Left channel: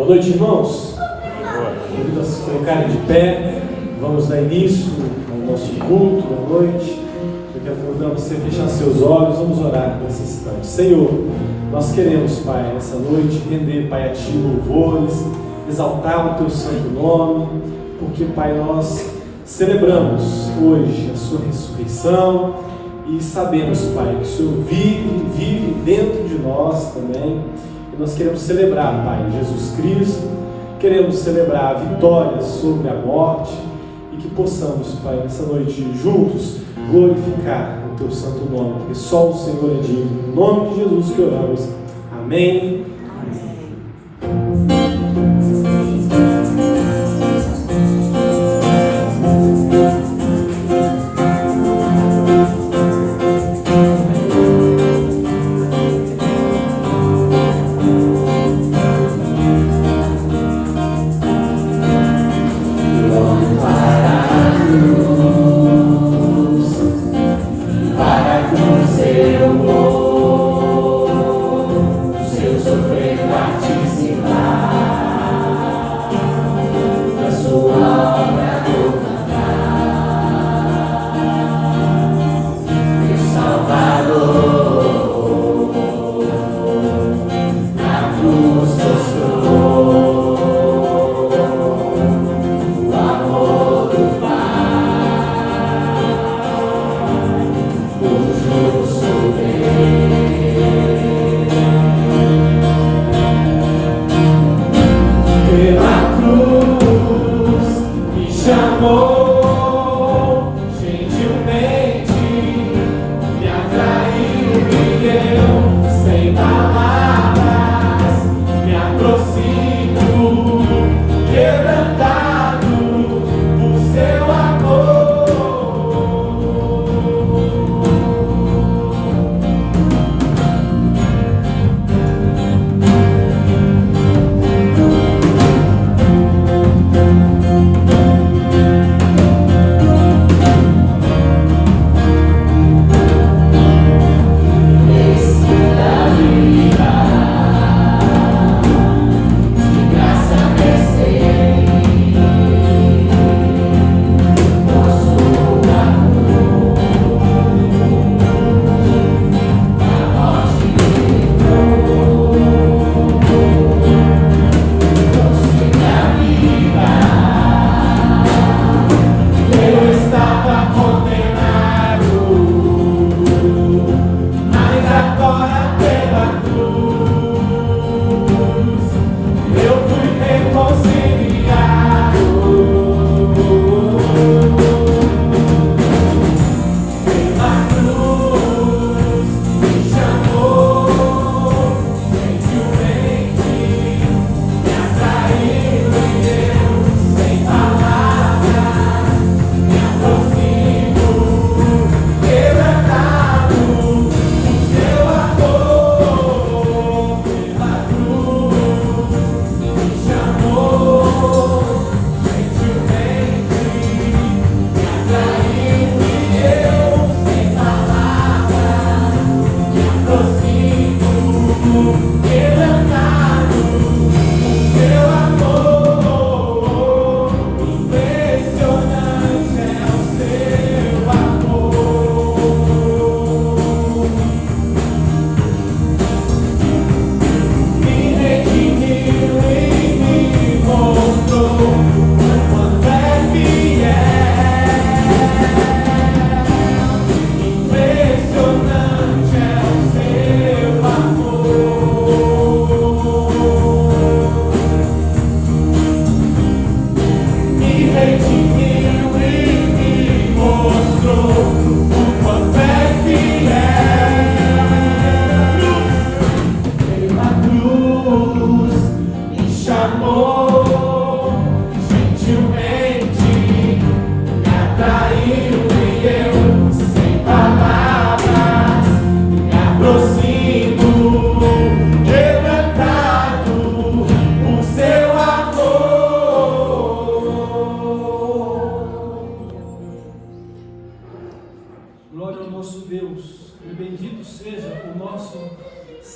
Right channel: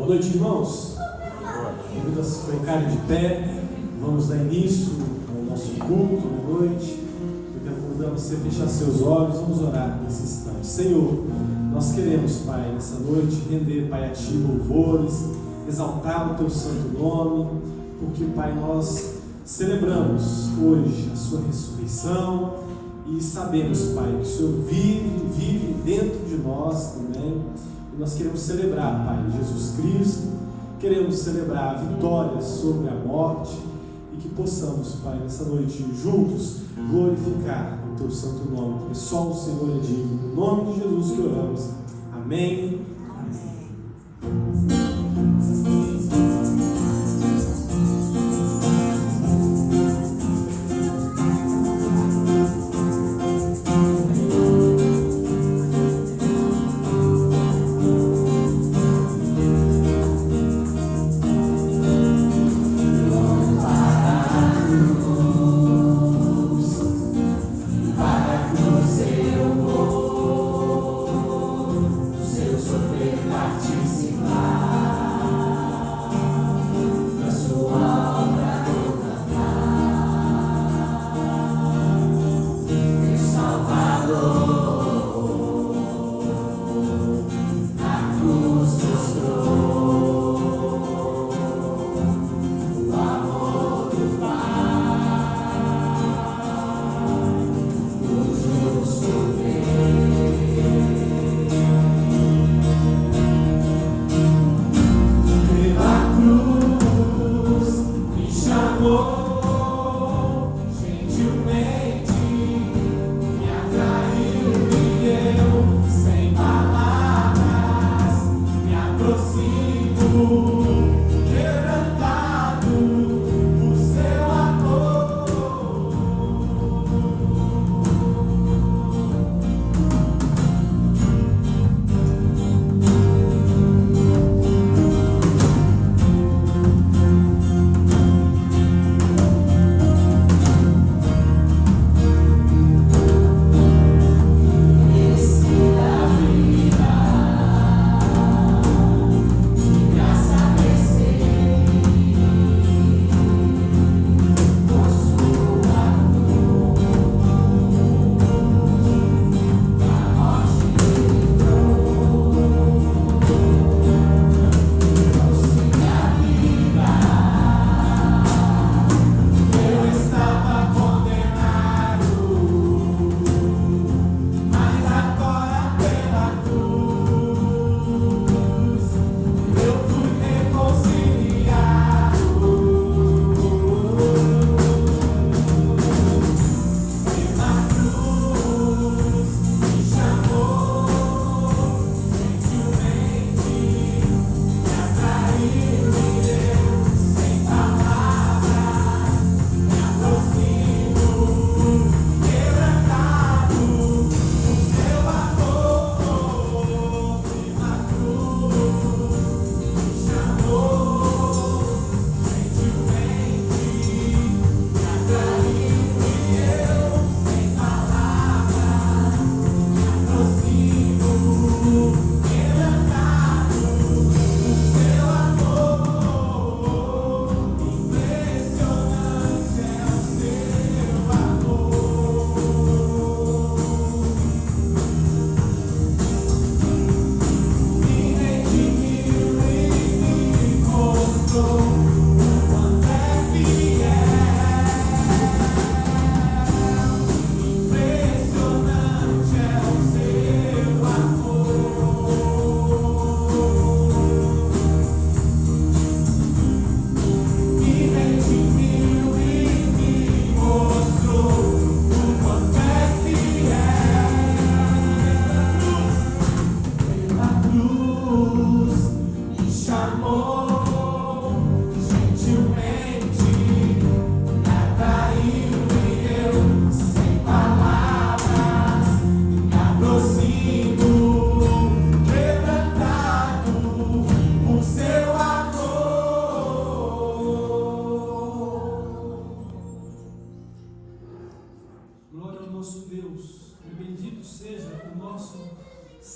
Boa noite, irmãos. Convido a se colocarem de pé. Vamos dar início ao nosso culto da noite. Eu quero convidar você a fechar seus olhos. Vamos orar nesse instante. Senhor, nós queremos, Pai, nessa noite render, Pai, a Ti louvores, exaltar o Teu santo nome, porque, Pai, nós celebramos hoje a Sua ressurreição e sabemos, Pai, que o Senhor vive dentro de nós também. E nós queremos celebrar, Pai, Jesus Cristo, queremos celebrar a vitória sobre a morte e que possamos, Pai, nessa noite juntos glorificar o Teu santo nome, porque só o Senhor é digno. Em nome de Jesus que oramos. Amém.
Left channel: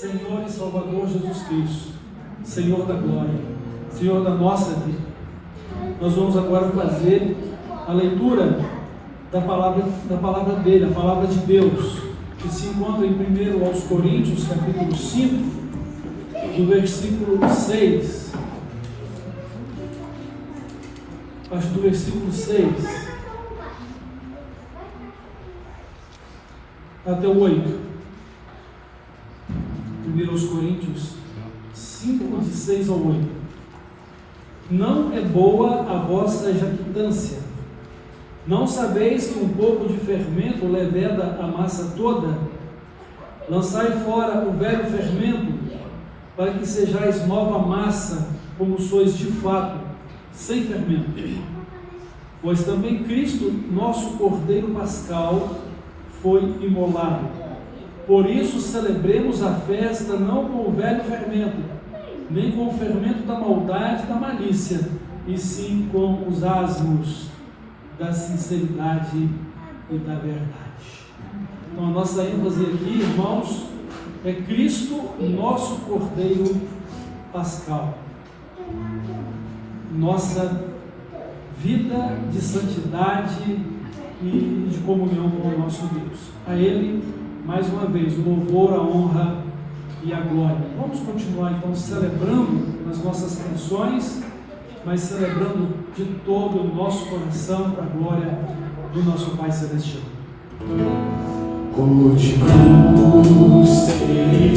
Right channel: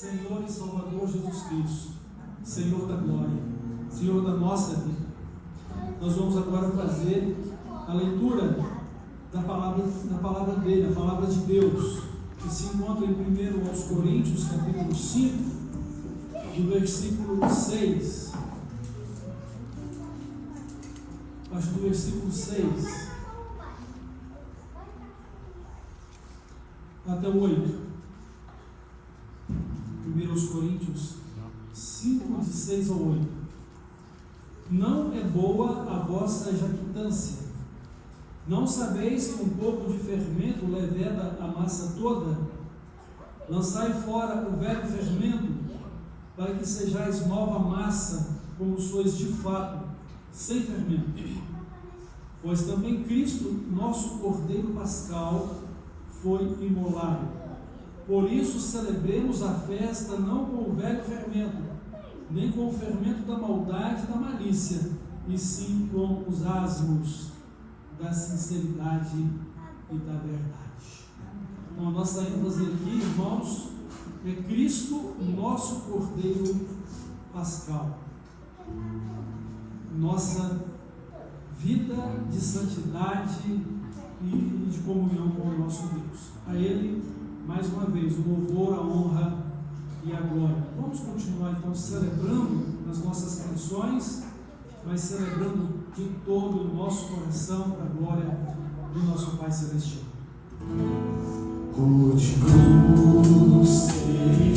Senhor e Salvador Jesus Cristo, Senhor da glória. Senhor da nossa vida. Nós vamos agora fazer a leitura da palavra dele, a palavra de Deus, que se encontra em 1 aos Coríntios, capítulo 5, do versículo 6. Acho do versículo 6 até o 8. 1 aos Coríntios 5, de 6 ao 8. Não é boa a vossa jactância. Não sabeis que um pouco de fermento leveda a massa toda? Lançai fora o velho fermento, para que sejais nova massa, como sois de fato, sem fermento. Pois também Cristo, nosso Cordeiro Pascal, foi imolado. Por isso celebremos a festa não com o velho fermento, nem com o fermento da maldade e da malícia, e sim com os asmos da sinceridade e da verdade. Então a nossa ênfase aqui, irmãos, é Cristo, nosso Cordeiro Pascal. Nossa vida de santidade e de comunhão com o nosso Deus. A Ele, mais uma vez, o louvor, a honra e a glória. Vamos continuar então celebrando nas nossas canções, mas celebrando de todo o nosso coração para a glória do nosso Pai Celestial. Continuo sem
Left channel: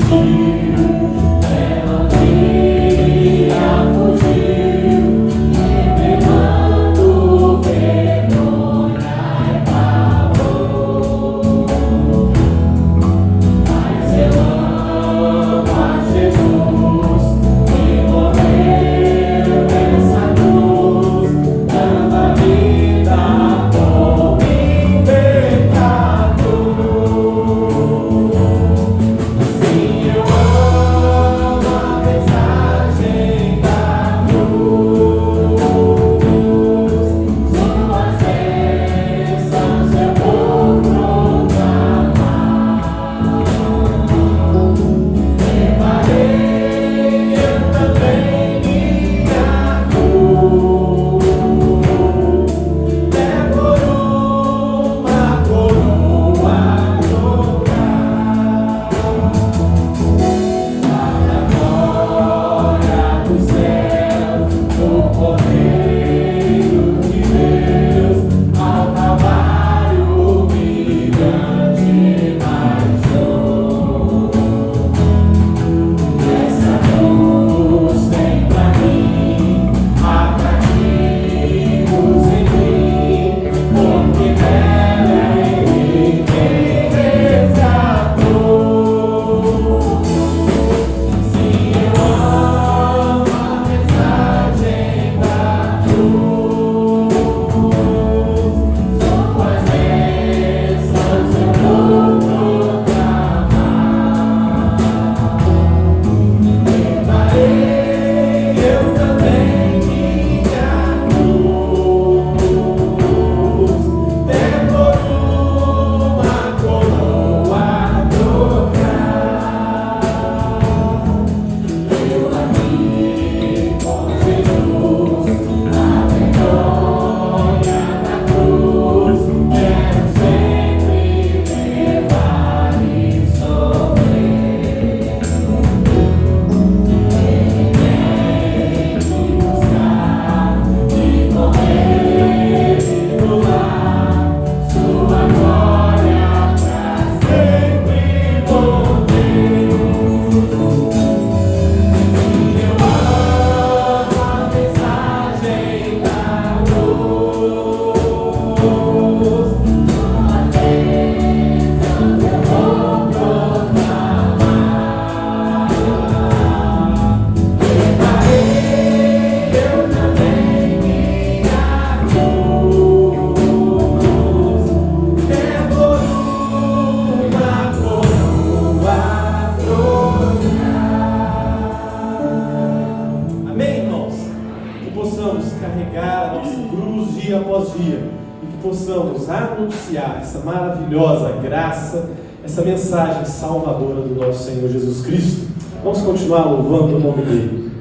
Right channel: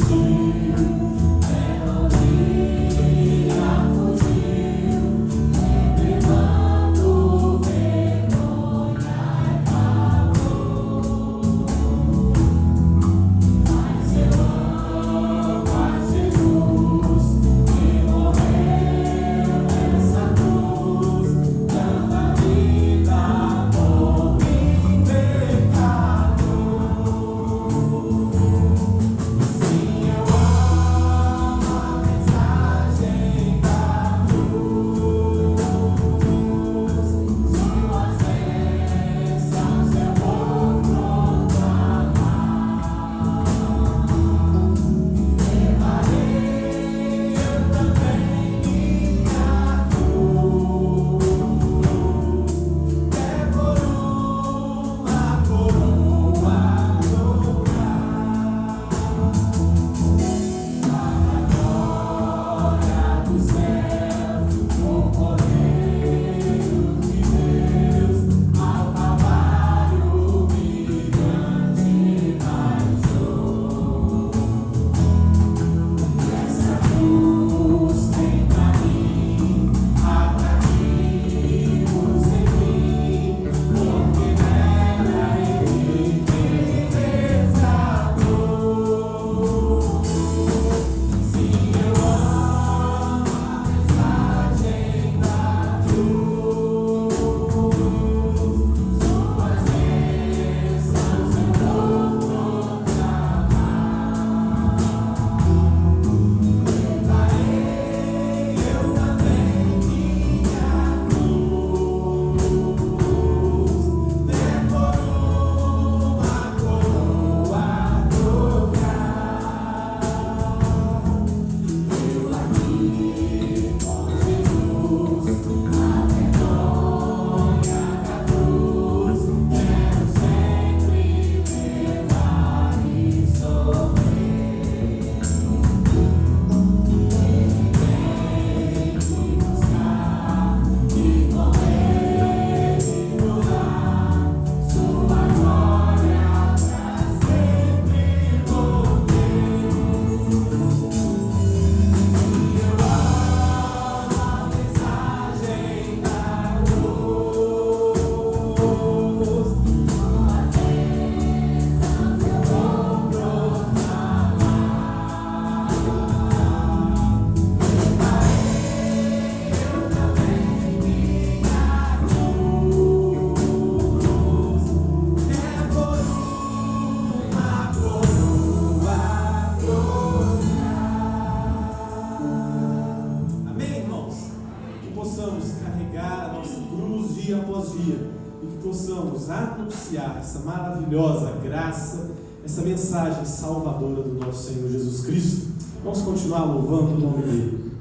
dia após dia, e que possamos anunciar essa maravilhosa graça, essa mensagem salvadora do nosso Senhor Jesus Cristo. Vamos continuar louvando o nome dele.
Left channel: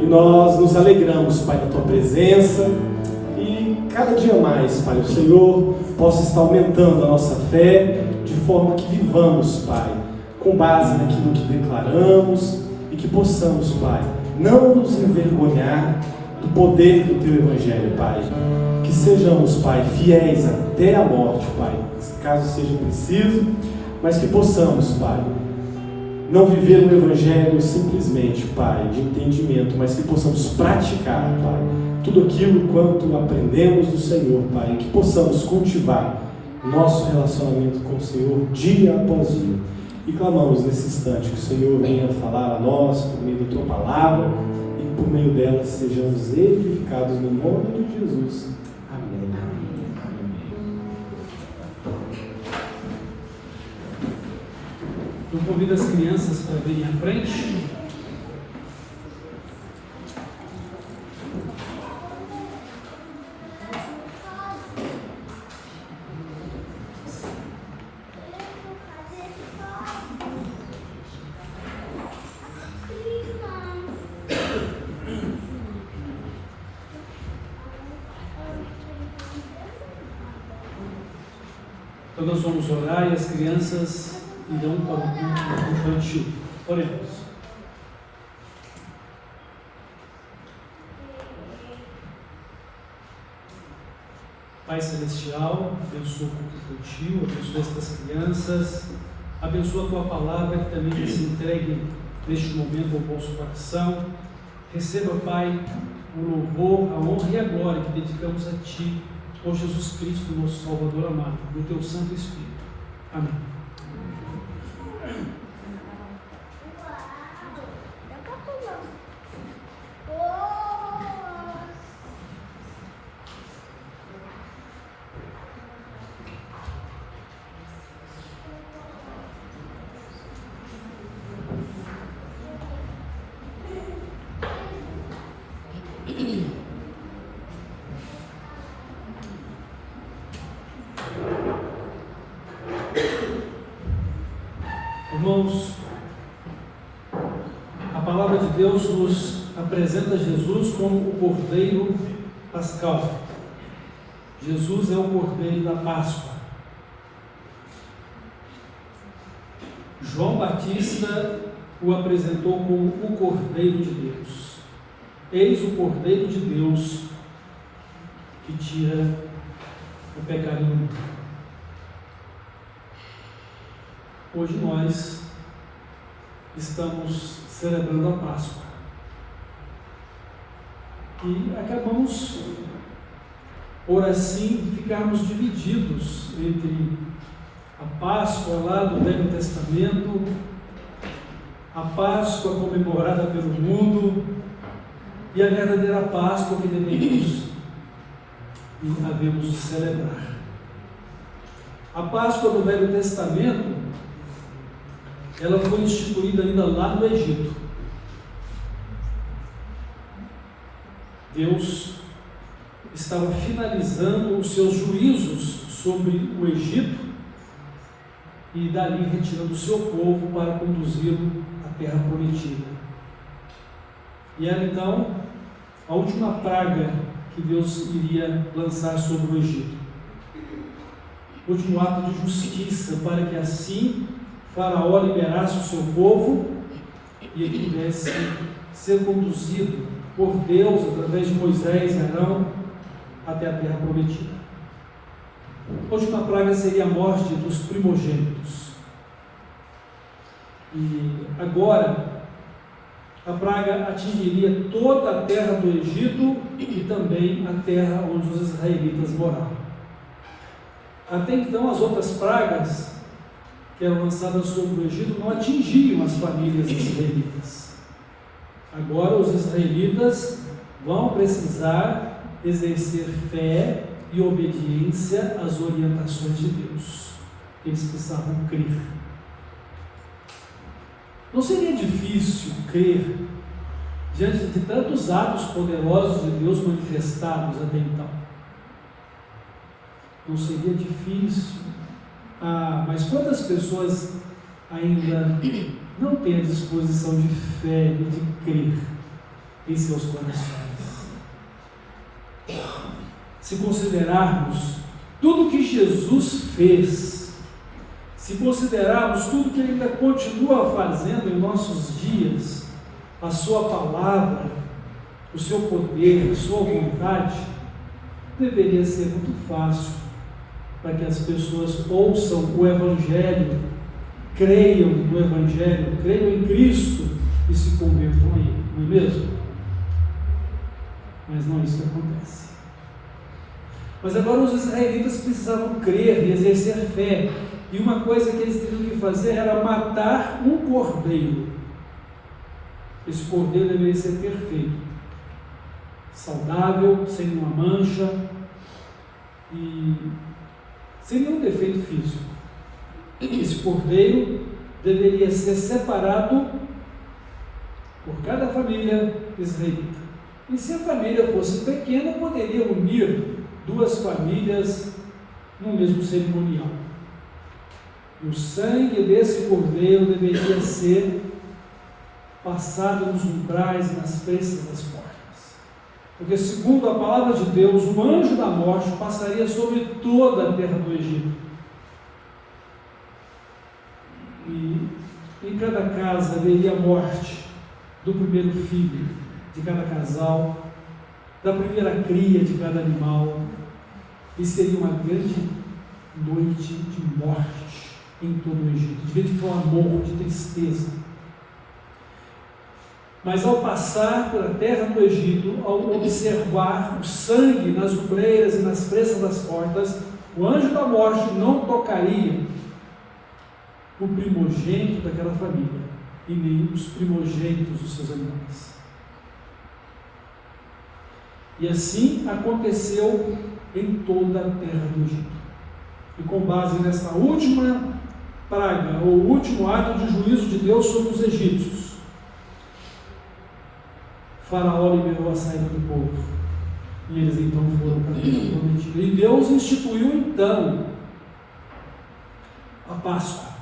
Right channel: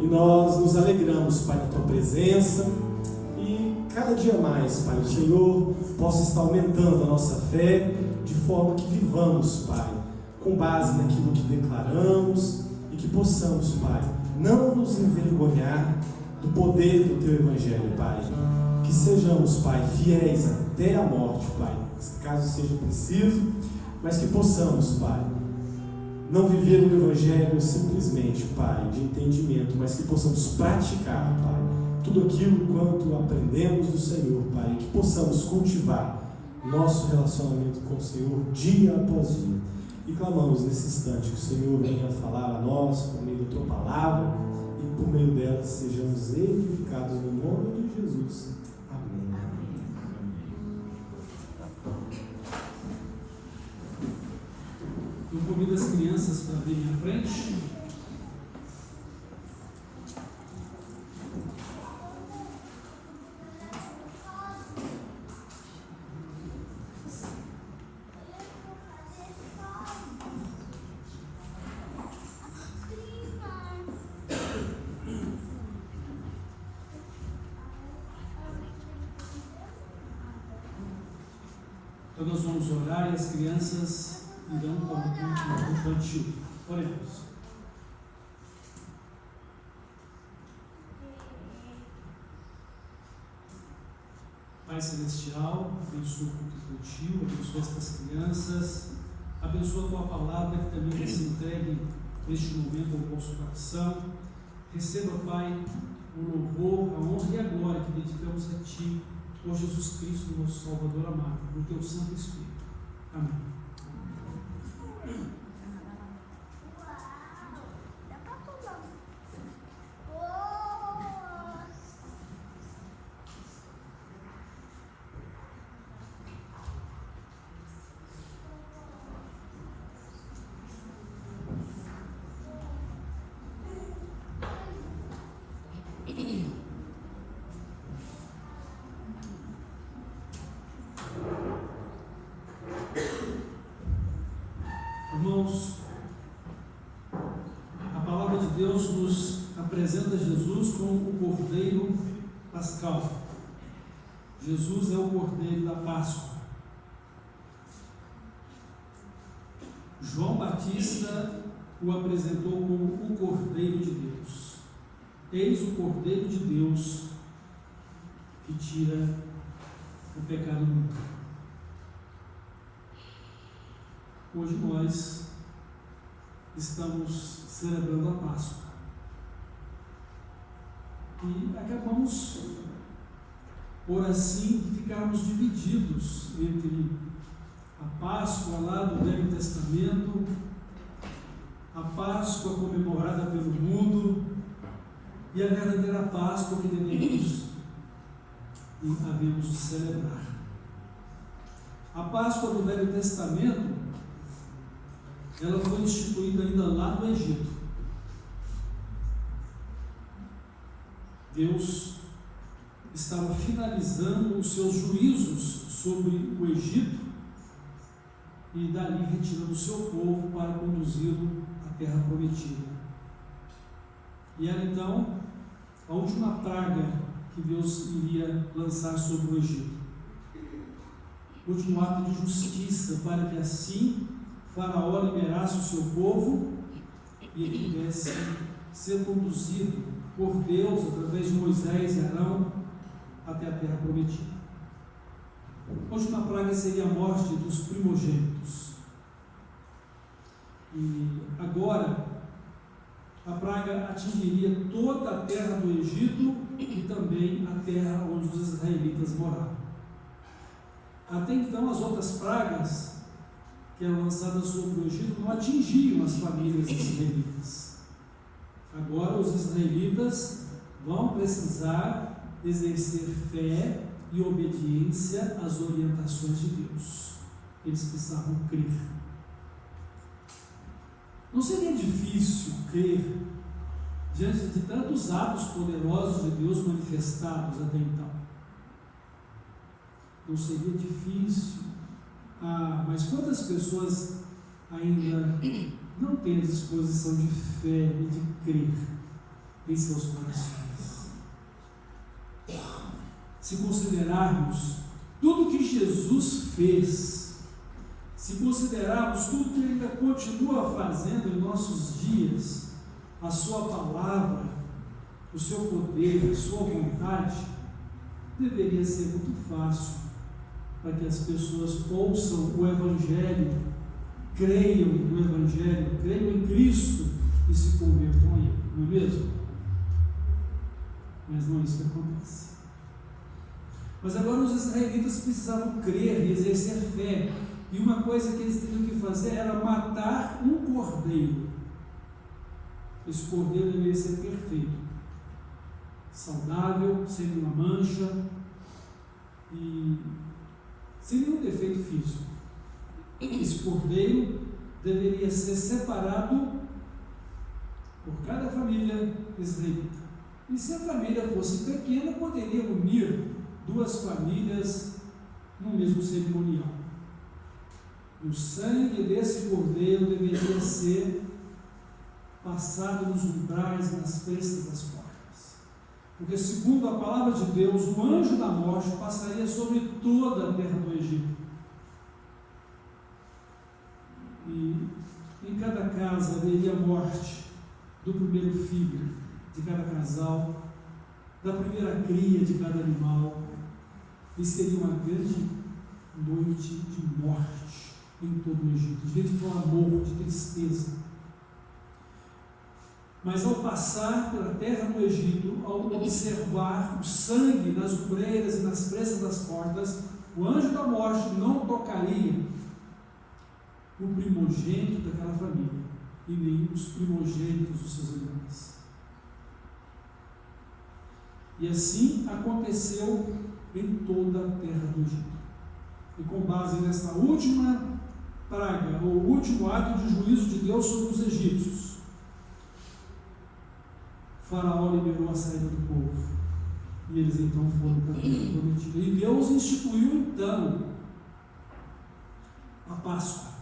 E nós nos alegramos, Pai, na Tua presença. E cada dia mais, Pai, o Senhor possa estar aumentando a nossa fé, de forma que vivamos, Pai, com base naquilo que declaramos, e que possamos, Pai, não nos envergonhar do poder do Teu Evangelho, Pai. Que sejamos, Pai, fiéis até a morte, Pai, caso seja preciso, mas que possamos, Pai, não viver um Evangelho simplesmente, Pai, de entendimento, mas que possamos praticar, Pai, tudo aquilo quanto aprendemos do Senhor, Pai, e que possamos cultivar nosso relacionamento com o Senhor dia após dia. E clamamos nesse instante que o Senhor venha falar a nós por meio da Tua palavra, e por meio dela sejamos edificados no nome de Jesus. Amém. Eu convido as crianças para virem à frente. Então nós vamos orar e as crianças irão para o culto infantil. Oremos. Pai Celestial, abençoa o culto infantil, abençoa estas crianças, abençoa a Tua palavra que também vai se entregue neste momento ao vosso coração. Receba, Pai, o louvor, a honra e a glória que dedicamos a Ti, por Jesus Cristo, nosso Salvador amado, no Teu Santo Espírito. Amém. Irmãos, a palavra de Deus nos apresenta Jesus como o Cordeiro Pascal. Jesus é o Cordeiro da Páscoa. João Batista o apresentou como o Cordeiro de Deus. Eis o Cordeiro de Deus que tira o pecado do mundo. Hoje nós estamos celebrando a Páscoa e acabamos, por assim, ficarmos divididos entre a Páscoa lá do Velho Testamento, a Páscoa comemorada pelo mundo e a verdadeira Páscoa que devemos e havemos de celebrar. A Páscoa do Velho Testamento, ela foi instituída ainda lá no Egito. Deus estava finalizando os seus juízos sobre o Egito e dali retirando o seu povo para conduzi-lo à terra prometida. E era então a última praga que Deus iria lançar sobre o Egito. O último ato de justiça, para que assim Faraó liberasse o seu povo e ele pudesse ser conduzido por Deus, através de Moisés e Arão, até a terra prometida. A última praga seria a morte dos primogênitos. E agora, a praga atingiria toda a terra do Egito e também a terra onde os israelitas moravam. Até então, as outras pragas que eram lançadas sobre o Egito não atingiam as famílias israelitas. Agora os israelitas vão precisar exercer fé e obediência às orientações de Deus. Eles precisavam crer. Não seria difícil crer diante de tantos atos poderosos de Deus manifestados até então? Não seria difícil. Mas quantas pessoas ainda não têm a disposição de fé e de crer em seus corações? Se considerarmos tudo que Jesus fez, se considerarmos tudo que Ele ainda continua fazendo em nossos dias, a Sua palavra, o Seu poder, a Sua vontade, deveria ser muito fácil para que as pessoas ouçam o Evangelho, creiam no Evangelho, creiam em Cristo e se convertam a Ele, não é mesmo? Mas não é isso que acontece. Mas agora os israelitas precisavam crer e exercer fé, e uma coisa que eles teriam que fazer era matar um cordeiro. Esse cordeiro deveria ser perfeito, saudável, sem nenhuma mancha e sem nenhum defeito físico. Esse cordeiro deveria ser separado por cada família israelita. E se a família fosse pequena, poderia unir duas famílias no mesmo cerimonial. E o sangue desse cordeiro deveria ser passado nos umbrais e nas frestas das portas. Porque, segundo a palavra de Deus, o anjo da morte passaria sobre toda a terra do Egito. E em cada casa haveria a morte do primeiro filho de cada casal, da primeira cria de cada animal, e seria uma grande noite de morte em todo o Egito, de grande clamor, de tristeza. Mas ao passar pela terra do Egito, ao observar o sangue nas ombreiras e nas frestas das portas, o anjo da morte não tocaria o primogênito daquela família, e nem os primogênitos dos seus animais. E assim aconteceu em toda a terra do Egito. E com base nessa última praga, ou último ato de juízo de Deus sobre os egípcios, Faraó liberou a saída do povo, e eles então foram para a terra prometida. E Deus instituiu então a Páscoa,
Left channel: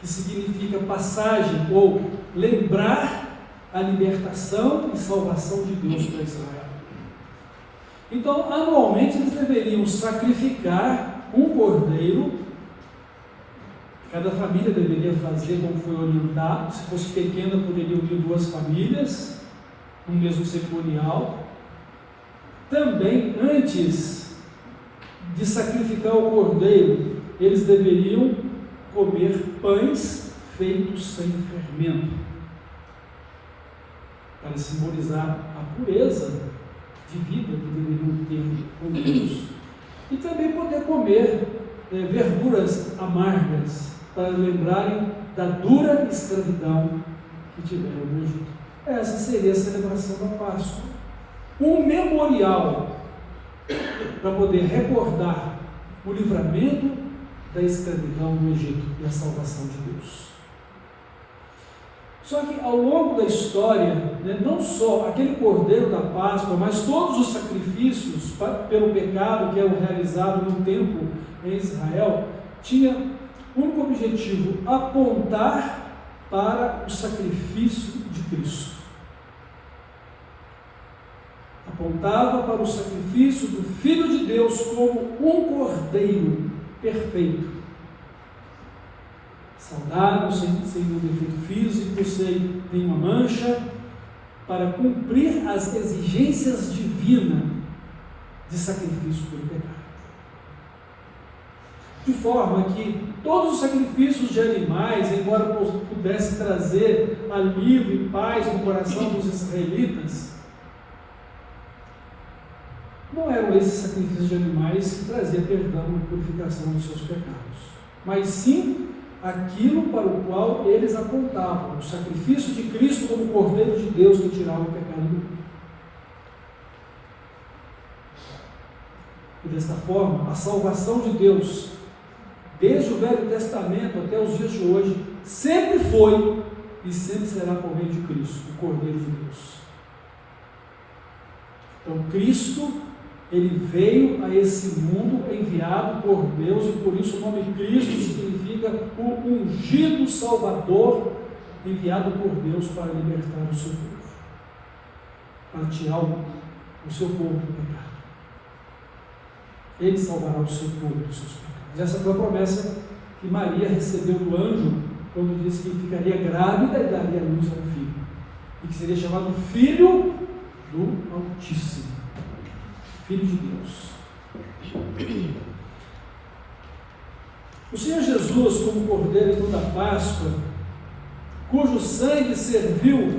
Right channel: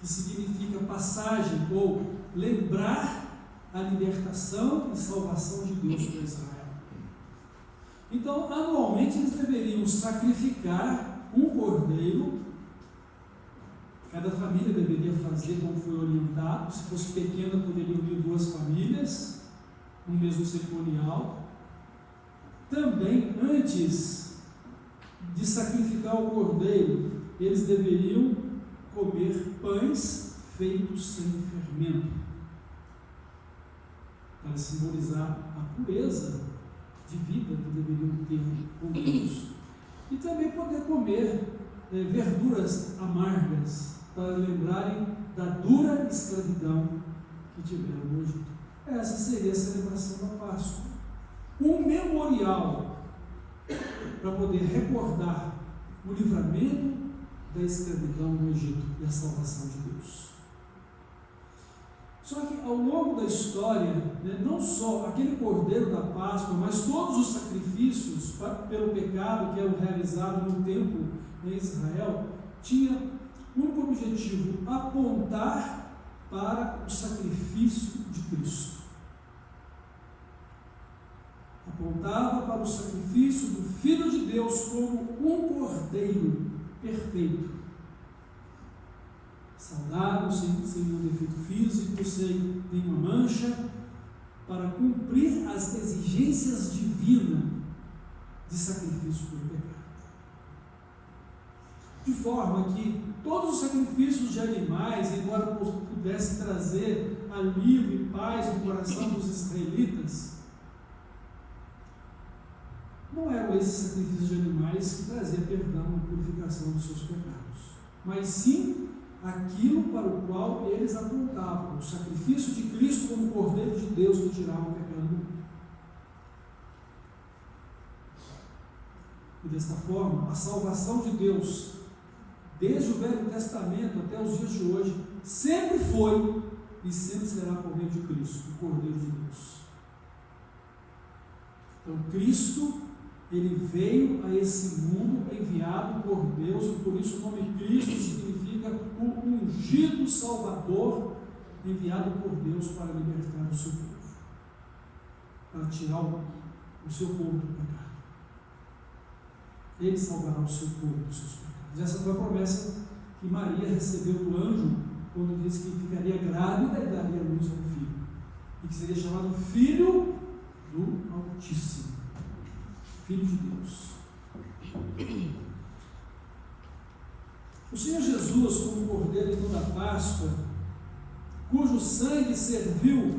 que significa passagem ou lembrar a libertação e salvação de Deus para Israel. Então, anualmente eles deveriam sacrificar um cordeiro, cada família deveria fazer como foi orientado, se fosse pequena poderiam unir 2 famílias, no mesmo cerimonial. Também, antes de sacrificar o cordeiro, eles deveriam comer pães feitos sem fermento, para simbolizar a pureza de vida que deveriam ter com Deus. E também poder comer verduras amargas, para lembrarem da dura escravidão que tiveram no Egito. Essa seria a celebração da Páscoa, um memorial para poder recordar o livramento da escravidão no Egito e a salvação de Deus. Só que ao longo da história, não só aquele cordeiro da Páscoa, mas todos os sacrifícios pelo pecado que eram realizados no templo em Israel, tinha o único objetivo: apontar para o sacrifício de Cristo. Apontava para o sacrifício do Filho de Deus como um cordeiro perfeito, saudável, sem nenhum defeito físico, sem nenhuma mancha, para cumprir as exigências divinas de sacrifício pelo pecado. De forma que todos os sacrifícios de animais, embora pudessem trazer alívio e paz no coração dos israelitas, não eram esses sacrifícios de animais que traziam perdão e purificação dos seus pecados, mas sim aquilo para o qual eles apontavam: o sacrifício de Cristo como Cordeiro de Deus que tirava o pecado do mundo. E desta forma, a salvação de Deus, desde o Velho Testamento até os dias de hoje, sempre foi e sempre será por meio de Cristo, o Cordeiro de Deus. Então, Cristo, ele veio a esse mundo enviado por Deus, e por isso o nome Cristo significa o ungido Salvador, enviado por Deus para libertar o seu povo, para tirar o seu povo do pecado. Ele salvará o seu povo dos seus pecados. Essa foi a promessa que Maria recebeu do anjo, quando disse que ficaria grávida e daria à luz a um filho, e que seria chamado Filho do Altíssimo, Filho de Deus. O Senhor Jesus, como Cordeiro então da Páscoa, cujo sangue serviu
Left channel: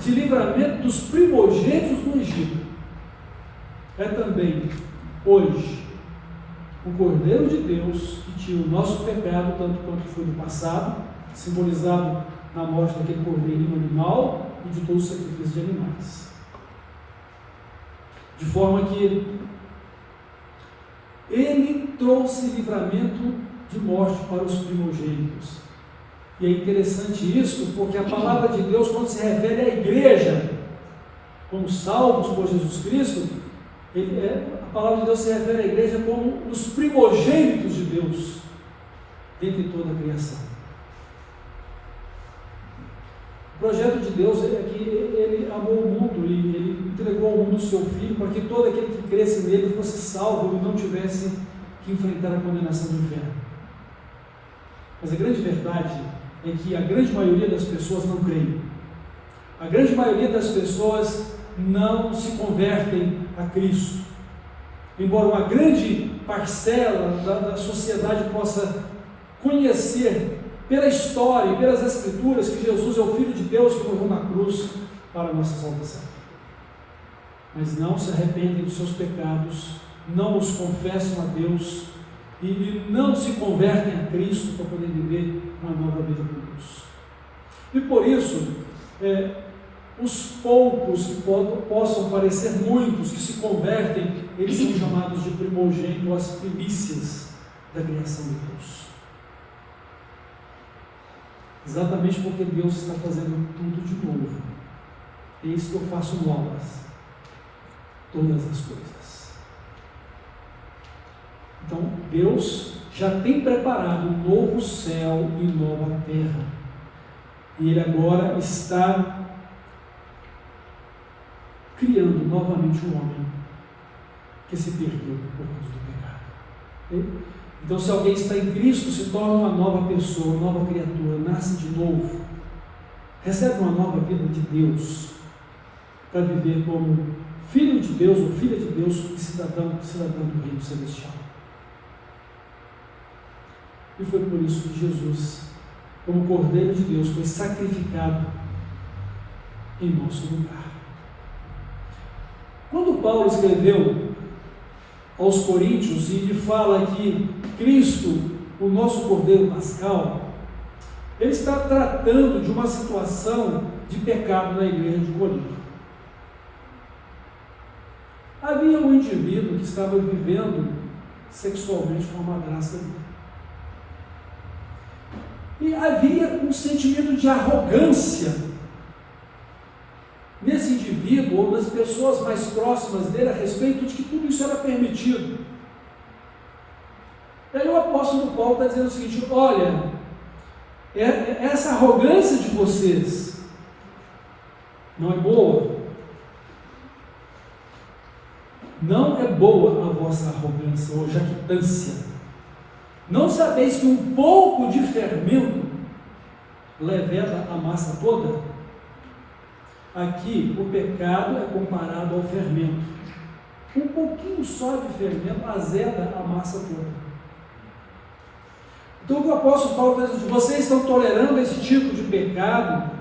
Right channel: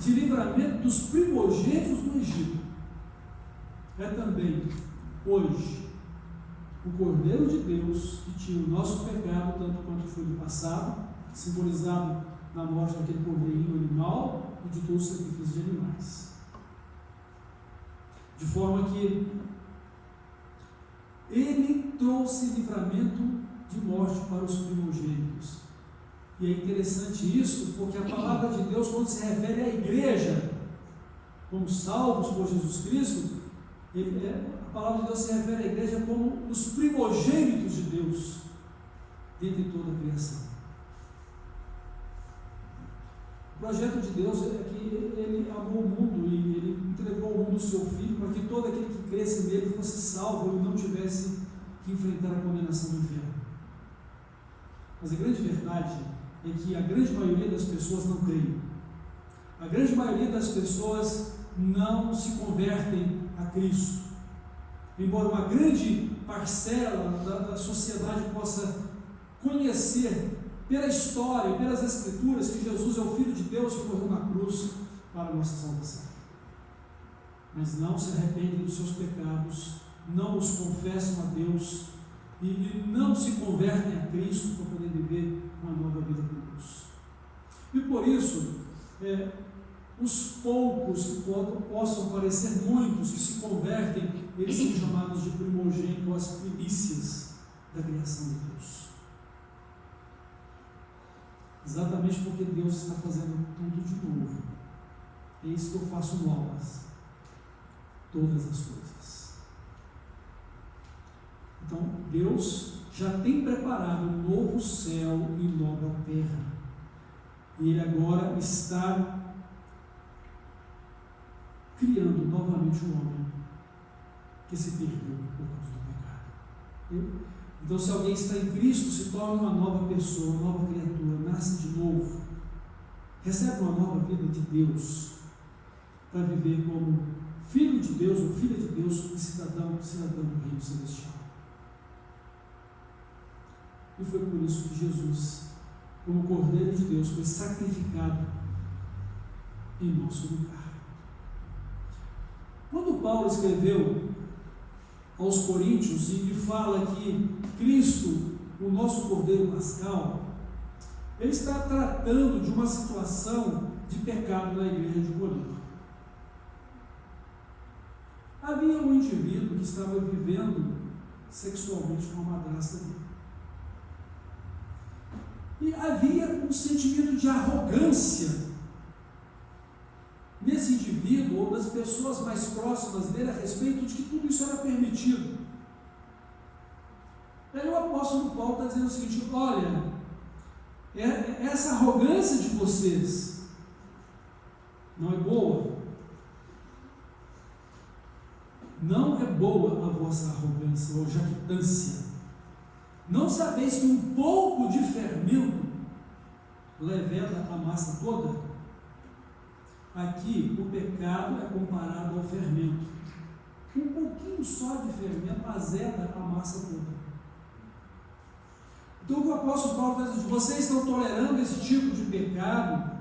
de livramento dos primogênitos do Egito, é também, hoje, o Cordeiro de Deus que tira o nosso pecado, tanto quanto foi no passado, simbolizado na morte daquele cordeirinho animal e de todos os sacrifícios de animais. De forma que ele trouxe livramento de morte para os primogênitos. E é interessante isso, porque a palavra de Deus, quando se refere à igreja como salvos por Jesus Cristo, a palavra de Deus se refere à igreja como os primogênitos de Deus, dentre toda a criação. O projeto de Deus é que ele amou o mundo e ele entregou ao mundo o seu Filho, para que todo aquele que cresce nele fosse salvo e não tivesse que enfrentar a condenação do inferno. Mas a grande verdade é que a grande maioria das pessoas não creem. A grande maioria das pessoas não se convertem a Cristo. embora uma grande parcela da sociedade possa conhecer pela história e pelas Escrituras que Jesus é o Filho de Deus que morreu na cruz para a nossa salvação. Mas não se arrependem dos seus pecados, não os confessam a Deus e não se convertem a Cristo para poder viver uma nova vida com Deus. E por isso, os poucos que possam parecer muitos que se convertem, eles são chamados de primogênitos, ou as primícias da criação de Deus. Exatamente porque Deus está fazendo tudo de novo. É isso que eu faço novas, todas as coisas. Então, Deus já tem preparado um novo céu e nova terra. E Ele agora está criando novamente um homem que se perdeu por causa do pecado. Okay? Então, se alguém está em Cristo, se torna uma nova pessoa, uma nova criatura, nasce de novo, recebe uma nova vida de Deus, para viver como filho de Deus ou filha de Deus e cidadão do reino celestial. E foi por isso que Jesus, como Cordeiro de Deus, foi sacrificado em nosso lugar. Quando Paulo escreveu aos Coríntios e ele fala que Cristo, o nosso Cordeiro Pascal, ele está tratando de uma situação de pecado na igreja de Corinto. Havia um indivíduo que estava vivendo sexualmente com a madrasta dele. E havia um sentimento de arrogância nesse indivíduo ou das pessoas mais próximas dele a respeito de que tudo isso era permitido. E aí o apóstolo Paulo está dizendo o seguinte: olha, essa arrogância de vocês não é boa. Não é boa a vossa arrogância ou jactância. Não sabeis que um pouco de fermento leveda a massa toda? Aqui o pecado é comparado ao fermento. Um pouquinho só de fermento azeda a massa toda. Então o apóstolo Paulo diz: vocês estão tolerando esse tipo de pecado,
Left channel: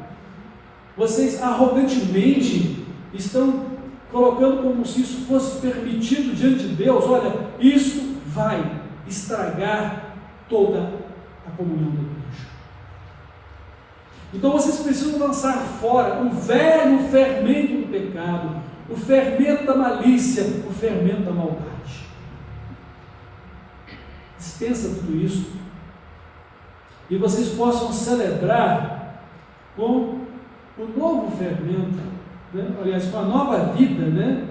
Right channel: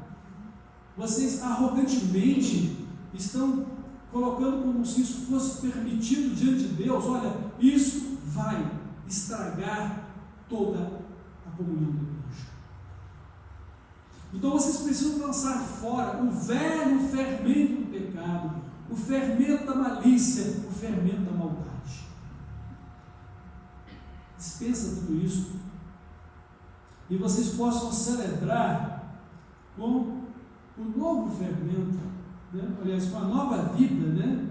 vocês arrogantemente estão colocando como se isso fosse permitido diante de Deus. Olha, isso vai estragar toda a comunhão da igreja. Então vocês precisam lançar fora o velho fermento do pecado, o fermento da malícia, o fermento da maldade. Dispensa tudo isso e vocês possam celebrar com o novo fermento, né? Aliás, com a nova vida, né?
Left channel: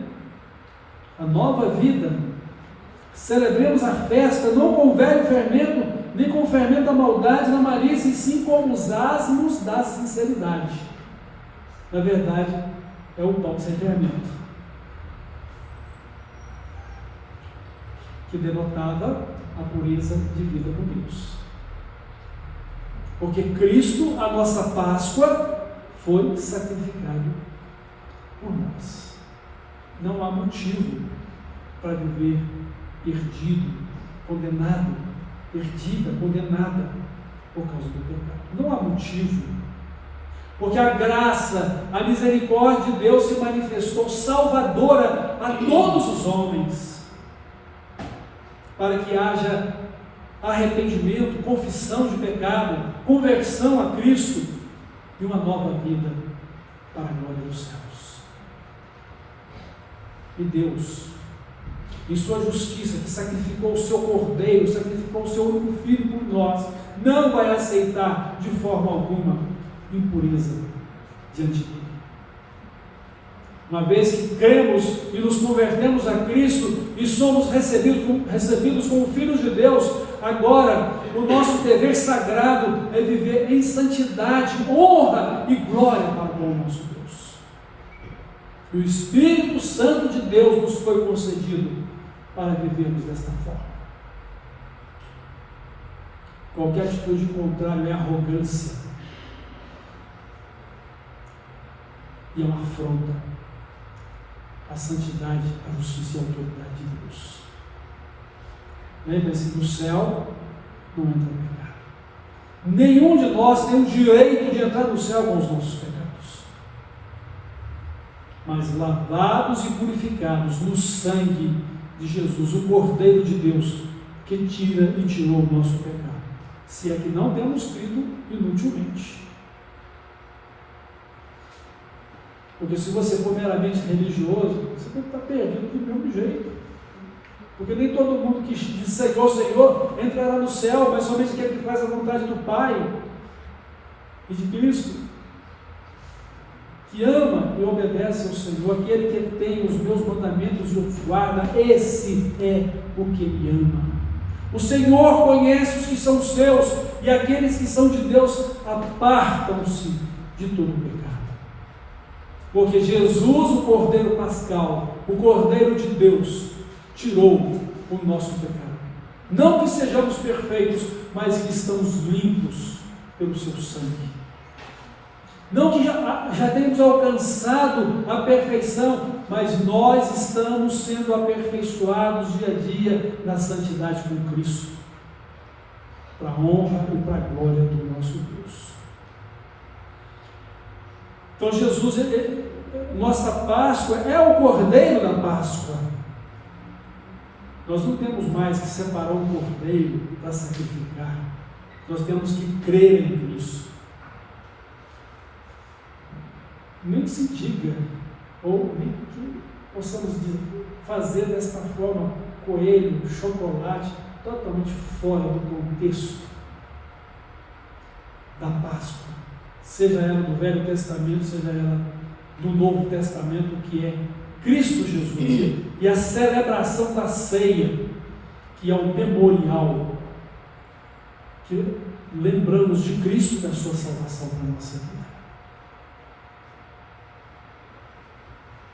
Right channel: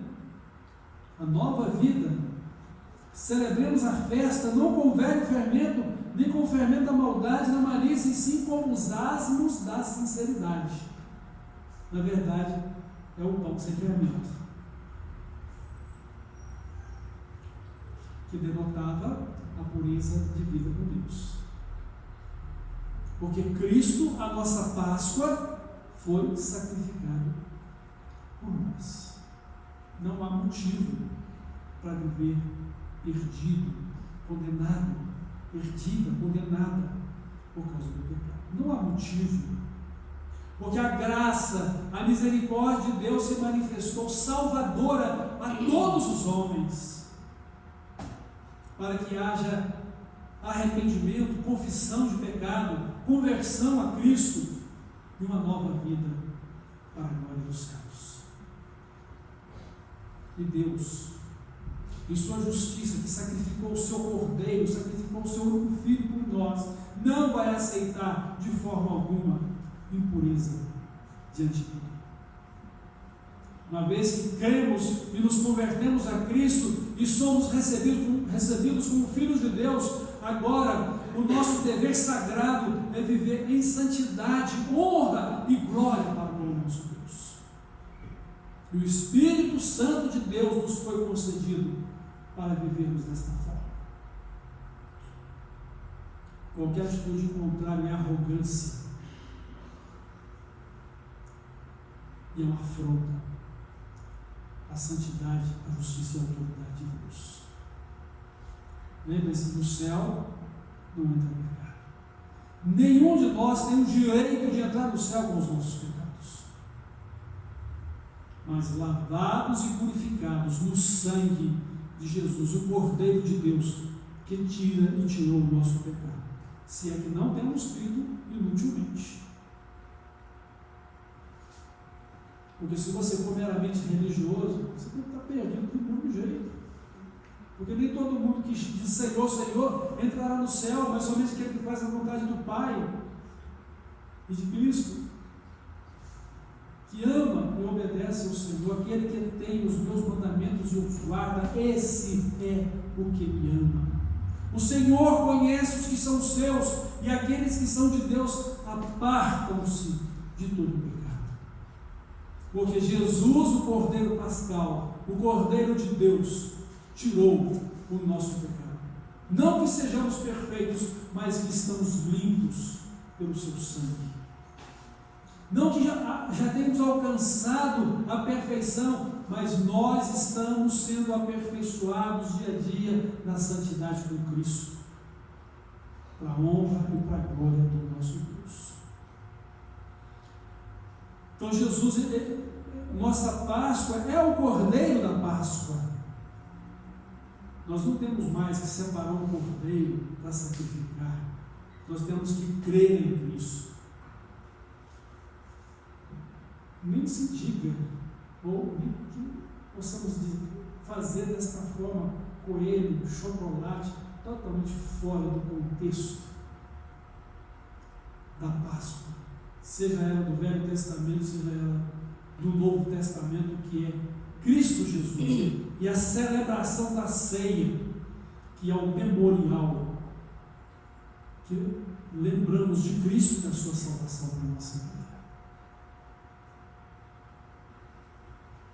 A nova vida. Celebremos a festa não com o velho fermento, nem com o fermento da maldade, da malícia, e sim com os asmos da sinceridade. Na verdade, é o pão sem fermento, que denotava a pureza de vida com Deus. Porque Cristo, a nossa Páscoa, foi sacrificado por nós. Não há motivo para viver perdido, condenado, perdida, condenada por causa do pecado. Não há motivo, porque a graça, a misericórdia de Deus se manifestou salvadora a todos os homens, para que haja arrependimento, confissão de pecado, conversão a Cristo e uma nova vida para a glória dos céus. E Deus, em sua justiça, que sacrificou o seu cordeiro, sacrificou o seu único filho por nós, não vai aceitar de forma alguma impureza diante dele. Uma vez que cremos e nos convertemos a Cristo e somos recebidos como filhos de Deus, agora o nosso dever sagrado é viver em santidade, honra e glória para com o nosso Deus. E o Espírito Santo de Deus nos foi concedido para vivermos desta forma. Qualquer atitude contrária é arrogância e é uma afronta à santidade, à justiça e à autoridade de Deus. Lembre-se, no céu não entra pecado. Nenhum de nós tem o direito de entrar no céu com os nossos pecados. Mas lavados e purificados no sangue de Jesus, o Cordeiro de Deus, que tira e tirou o nosso pecado. Se é que não temos crido inutilmente. Porque se você for meramente religioso, você pode estar perdido do mesmo jeito. Porque nem todo mundo que diz Senhor, Senhor, entrará no céu, mas somente aquele que faz a vontade do Pai e de Cristo, que ama e obedece ao Senhor, aquele que tem os meus mandamentos e os guarda, esse é o que Ele ama. O Senhor conhece os que são seus, e aqueles que são de Deus apartam-se de todo o pecado. Porque Jesus, o Cordeiro Pascal, o Cordeiro de Deus, tirou o nosso pecado. Não que sejamos perfeitos, mas que estamos limpos pelo seu sangue. Não que já tenhamos alcançado a perfeição, mas nós estamos sendo aperfeiçoados dia a dia na santidade com Cristo, para a honra e para a glória do nosso Deus. Então Jesus, nossa Páscoa é o Cordeiro da Páscoa. Nós não temos mais que separar um cordeiro para sacrificar. Nós temos que crer em Cristo. Nem se diga, ou nem que possamos fazer desta forma coelho, chocolate, totalmente fora do contexto da Páscoa, seja ela do Velho Testamento, seja ela do Novo Testamento, que é Cristo Jesus, e a celebração da ceia, que é o memorial, que lembramos de Cristo e da sua salvação para a nossa vida.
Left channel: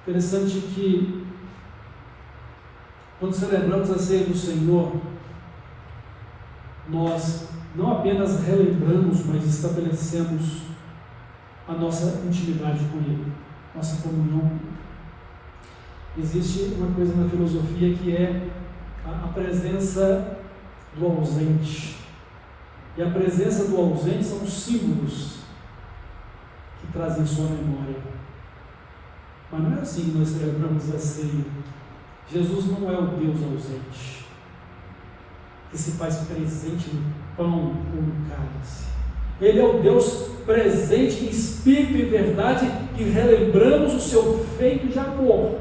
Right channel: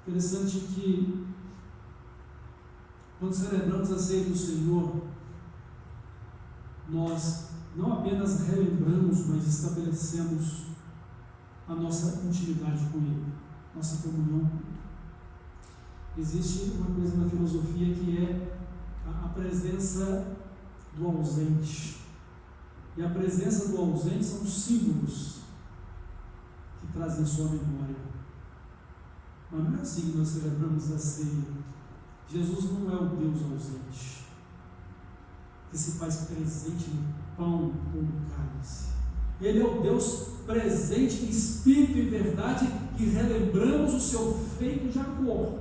Interessante que, quando celebramos a ceia do Senhor, nós não apenas relembramos, mas estabelecemos a nossa intimidade com Ele, nossa comunhão com Ele. Existe uma coisa na filosofia que é a presença do ausente. E a presença do ausente são os símbolos que trazem sua memória. Mas não é assim que nós celebramos a ceia. Jesus não é o Deus ausente, que se faz presente no pão ou no cálice. Ele é o Deus presente em espírito e verdade, que relembramos o seu feito de amor,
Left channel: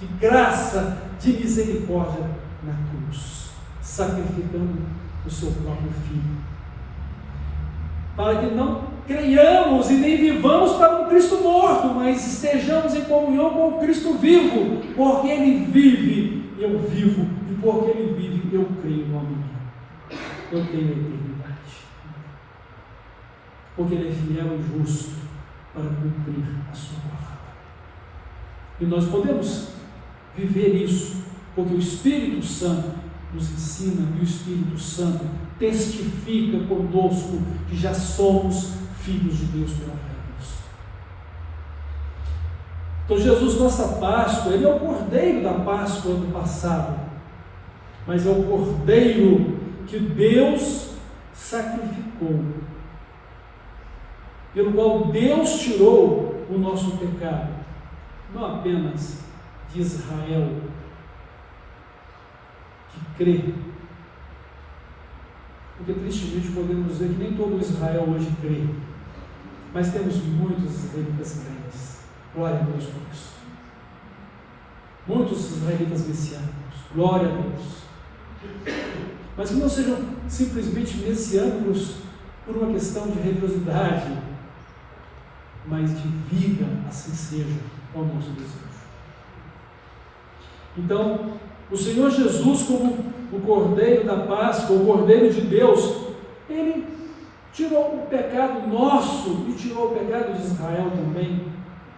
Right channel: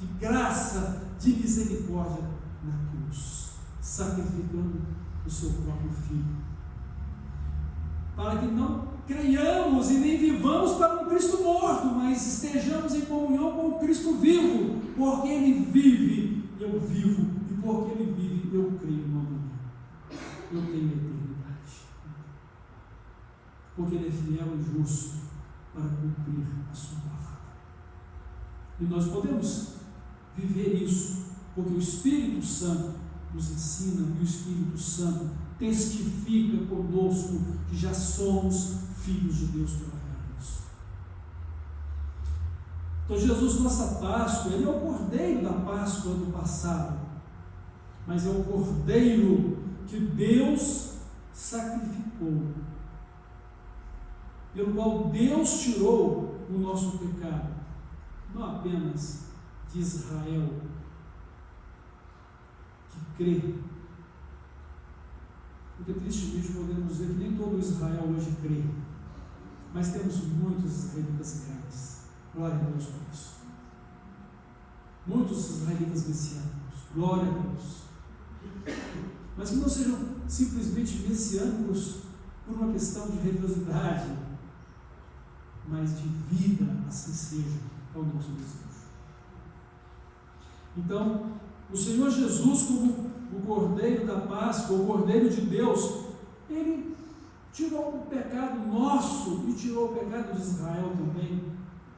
de graça, de misericórdia na cruz, sacrificando o seu próprio Filho, para que não creiamos e nem vivamos para um Cristo morto, mas estejamos em comunhão com o Cristo vivo, porque Ele vive, eu vivo, e porque Ele vive, eu creio no amanhã, eu tenho a eternidade, porque Ele é fiel e justo para cumprir a sua palavra. E nós podemos viver isso, porque o Espírito Santo nos ensina, e o Espírito Santo testifica conosco que já somos filhos de Deus pela fé em Cristo. Então Jesus, nossa Páscoa, Ele é o Cordeiro da Páscoa do passado, mas é o Cordeiro que Deus sacrificou, pelo qual Deus tirou o nosso pecado, não apenas de Israel, que crê, porque tristemente podemos dizer que nem todo Israel hoje crê, mas temos muitos israelitas crentes, glória a Deus por isso, muitos israelitas messiânicos, glória a Deus, mas que não sejam simplesmente messiânicos por uma questão de religiosidade, mas de vida, assim seja, ao nosso desejo. Então, o Senhor Jesus, como o Cordeiro da Páscoa, o Cordeiro de Deus, Ele tirou o pecado nosso e tirou o pecado de Israel também,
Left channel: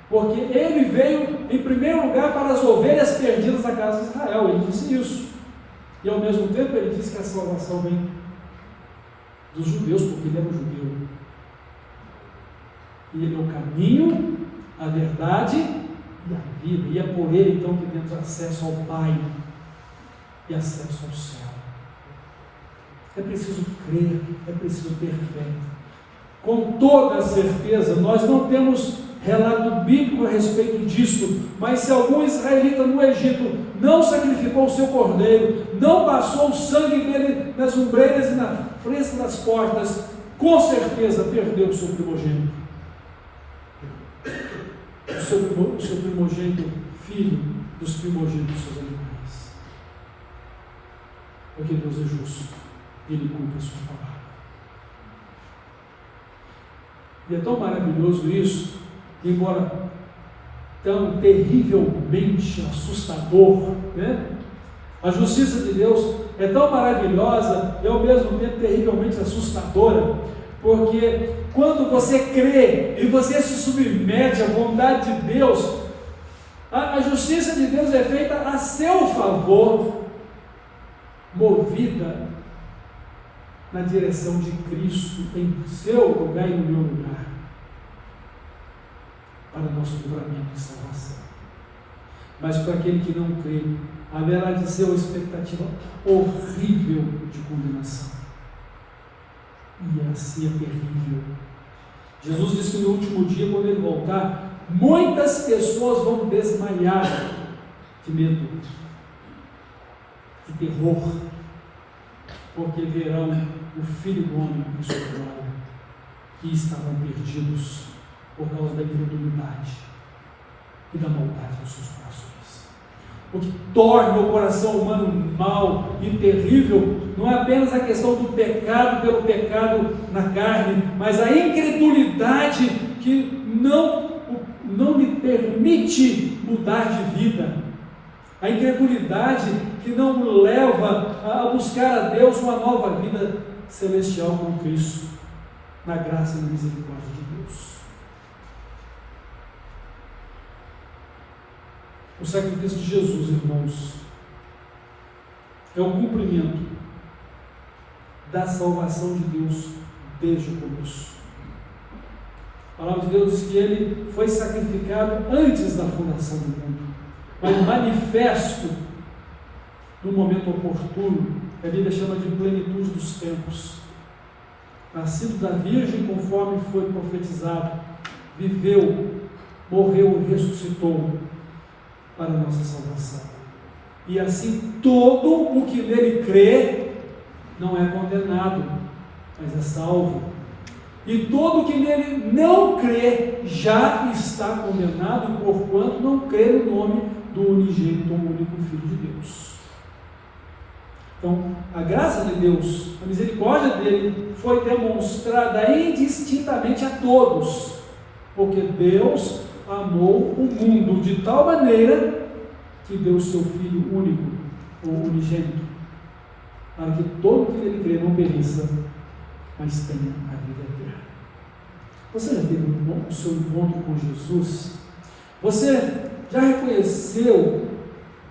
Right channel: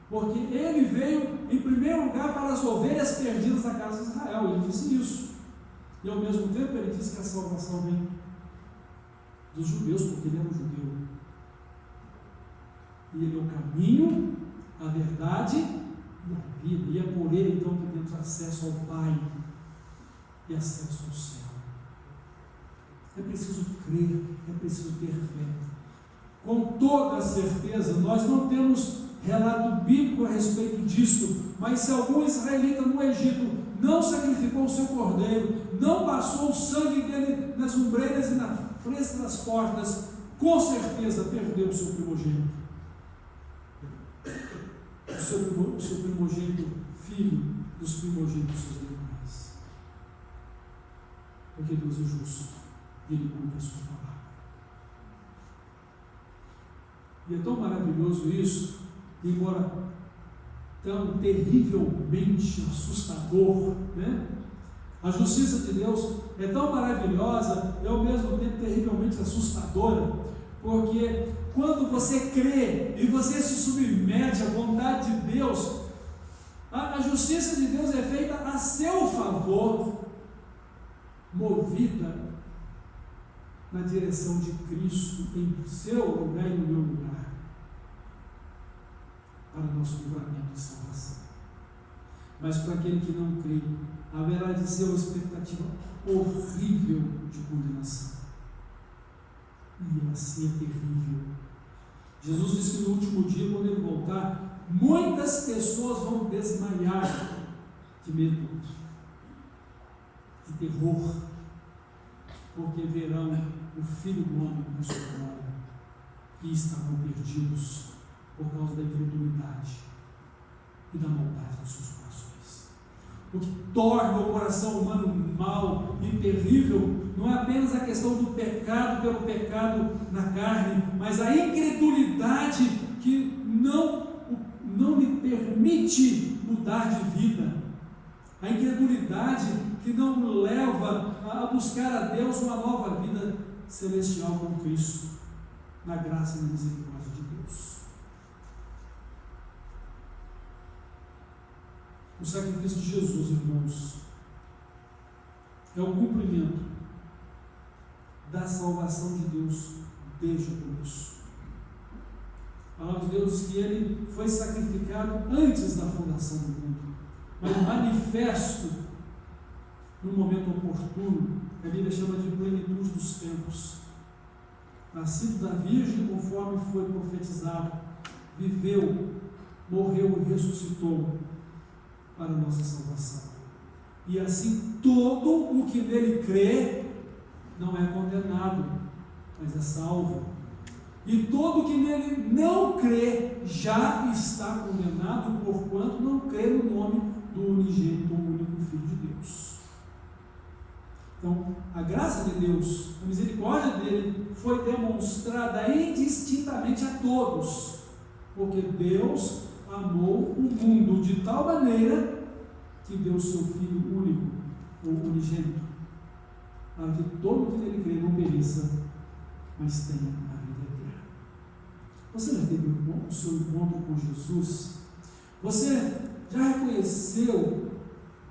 porque Ele veio em primeiro lugar para as ovelhas perdidas da casa de Israel. Ele disse isso, e ao mesmo tempo Ele disse que a salvação vem dos judeus, porque Ele era um judeu, e Ele é o caminho, a verdade e a vida, e é por Ele então que temos acesso ao Pai e acesso ao céu. É preciso crer, é preciso ter fé. Com toda certeza, nós não temos relato bíblico a respeito disso, mas se algum israelita no Egito não sacrificou o seu cordeiro, não passou o sangue dele nas ombreiras e na fresta das portas, com certeza perdeu o seu primogênito. O seu primogênito, filho dos primogênitos dos seus animais. Porque Deus é justo e Ele cumpre a sua palavra. E é tão maravilhoso isso, que embora tão terrivelmente assustador, né? A justiça de Deus é tão maravilhosa e ao mesmo tempo terrivelmente assustadora, porque quando você crê e você se submete à vontade de Deus, a justiça de Deus é feita a seu favor, movida na direção de Cristo, em seu lugar e no meu lugar, para nosso livramento e salvação. Mas para aquele que não crê, haverá de ser uma expectativa horrível de condenação. E assim é terrível. Jesus disse que no último dia, quando Ele voltar, muitas pessoas vão desmaiar de medo, de terror, porque verão o Filho do Homem em sua glória, que estavam perdidos por causa da incredulidade e da maldade dos seus corações. O que torna o coração humano mau e terrível não é apenas a questão do pecado pelo pecado na carne, mas a incredulidade que não lhe permite mudar de vida, a incredulidade que não o leva a buscar a Deus uma nova vida celestial com Cristo, na graça e na misericórdia de Deus. O sacrifício de Jesus, irmãos, é o cumprimento da salvação de Deus desde o começo. A palavra de Deus diz que Ele foi sacrificado antes da fundação do mundo, mas manifesto no momento oportuno, que a Bíblia chama de plenitude dos tempos. Nascido da Virgem, conforme foi profetizado, viveu, morreu e ressuscitou para a nossa salvação. E assim todo o que nele crê não é condenado, mas é salvo. E todo o que nele não crê já está condenado, porquanto não crê no nome do unigênito, o único Filho de Deus. Então, a graça de Deus, a misericórdia dele foi demonstrada indistintamente a todos, porque Deus amou o mundo de tal maneira que deu o seu Filho único, ou unigênito, para que todo que nele crê não pereça, mas tenha a vida eterna. Você já teve o seu encontro com Jesus? Você já reconheceu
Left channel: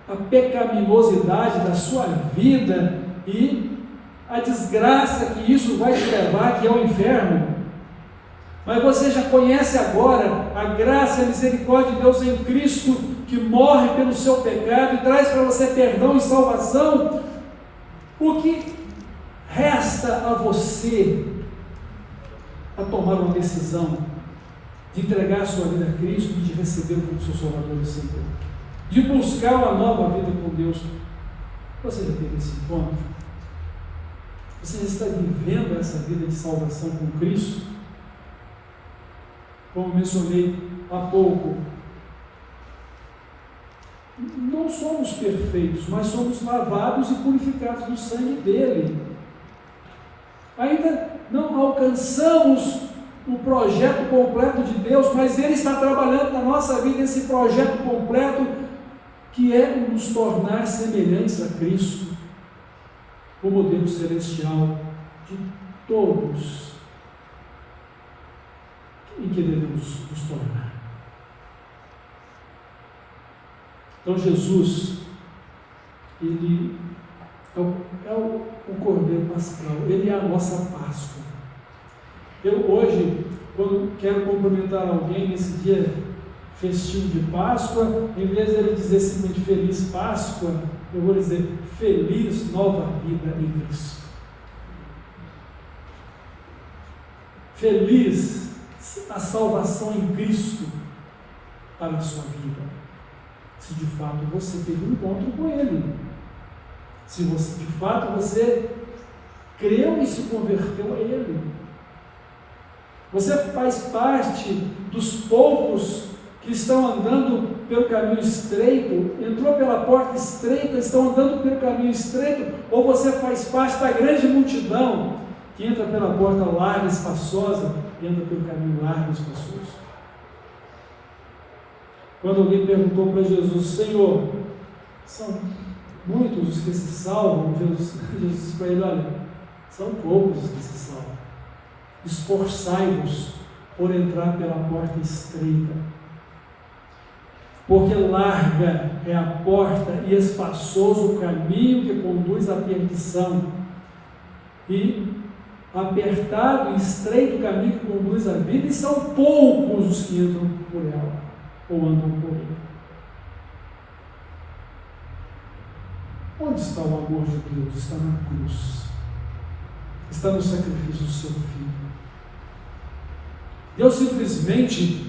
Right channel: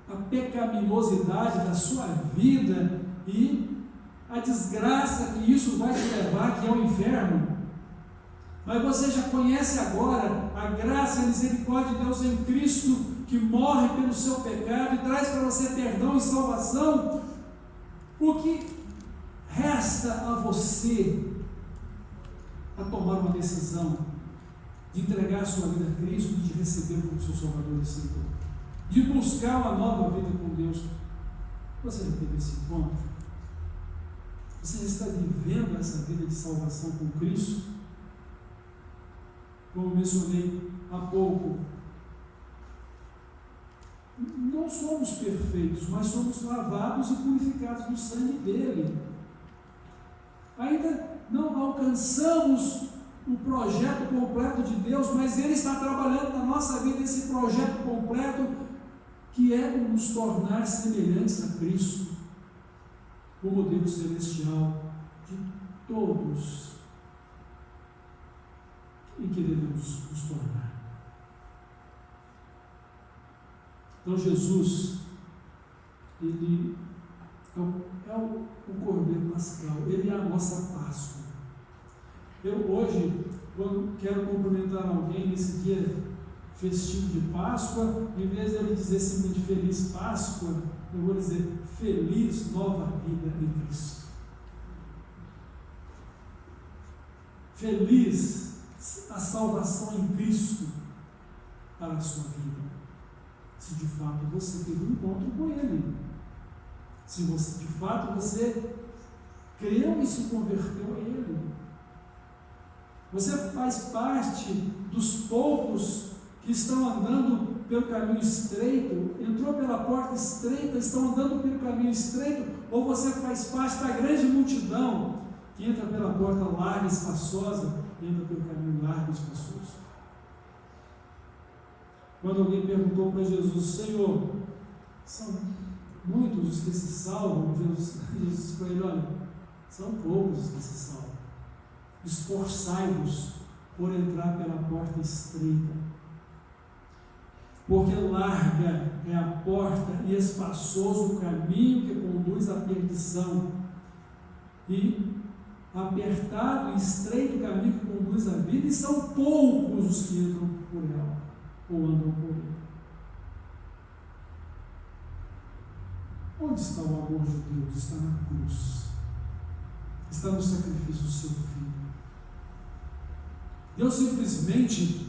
a pecaminosidade da sua vida e a desgraça que isso vai te levar, que é o inferno? Mas você já conhece agora a graça e a misericórdia de Deus em Cristo, que morre pelo seu pecado e traz para você perdão e salvação? O que resta a você a tomar uma decisão de entregar a sua vida a Cristo e de recebê-lo como seu Salvador e Senhor, de buscar uma nova vida com Deus? Você já teve esse encontro? Você já está vivendo essa vida de salvação com Cristo? Como mencionei há pouco, não somos perfeitos, mas somos lavados e purificados no sangue dele. Ainda não alcançamos o projeto completo de Deus, mas Ele está trabalhando na nossa vida esse projeto completo, que é nos tornar semelhantes a Cristo, o modelo celestial de todos em que devemos nos tornar. Então Jesus, Ele é o Cordeiro Pascal, Ele é a nossa Páscoa. Eu hoje, quando quero cumprimentar alguém nesse dia festivo de Páscoa, em vez de ele dizer simplesmente Feliz Páscoa, eu vou dizer Feliz Nova Vida em Cristo. feliz a salvação em Cristo para a sua vida, se de fato você teve um encontro com Ele, se você, de fato você creu e se converteu a Ele. Você faz parte dos poucos que estão andando pelo caminho estreito, entrou pela porta estreita, estão andando pelo caminho estreito, ou você faz parte da grande multidão que entra pela porta larga e espaçosa e anda pelo caminho largo e espaçoso? Quando alguém perguntou para Jesus: Senhor, são muitos os que se salvam, Jesus disse para ele: olha, são poucos os que se salvam. Esforçai-vos por entrar pela porta estreita, porque larga é a porta e espaçoso o caminho que conduz à perdição, e apertado e estreito o caminho que conduz à vida, e são poucos os que entram por ela, ou andam por ela. Onde está o amor de Deus? Está na cruz, está no sacrifício do seu Filho. Deus simplesmente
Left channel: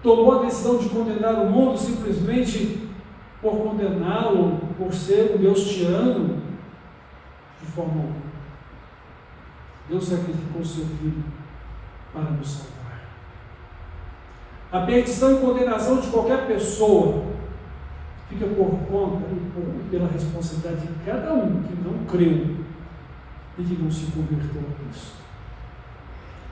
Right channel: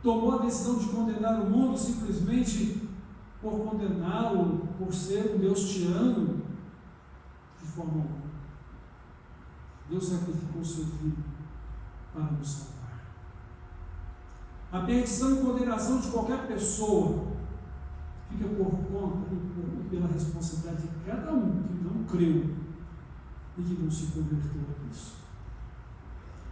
tomou a decisão de condenar o mundo simplesmente por condená-lo, por ser um Deus tirano, de forma alguma. Deus sacrificou o seu Filho para nos salvar. A perdição e condenação de qualquer pessoa fica por conta e pela responsabilidade de cada um que não creu e que não se converteu a Cristo.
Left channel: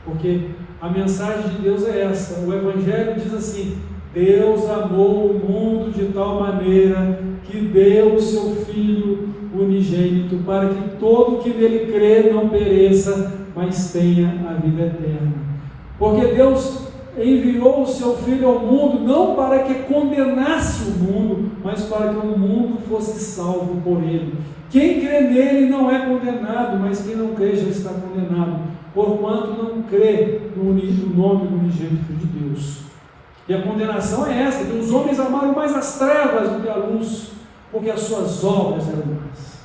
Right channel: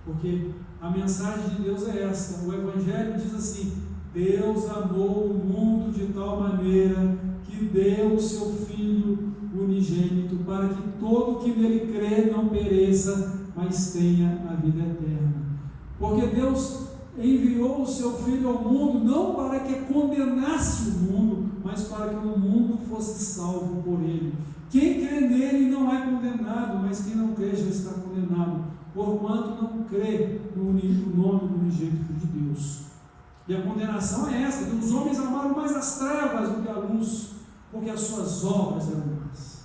Porque a mensagem de Deus é essa. O Evangelho diz assim: Deus amou o mundo de tal maneira que deu o seu Filho unigênito, para que todo que nele crê não pereça, mas tenha a vida eterna. Porque Deus enviou o seu Filho ao mundo não para que condenasse o mundo, mas para que o mundo fosse salvo por ele. Quem crê nele não é condenado, mas quem não crê já está condenado, porquanto não crê no nome do unigênito de Deus. E a condenação é esta: que os homens amaram mais as trevas do que a luz, porque as suas obras eram más.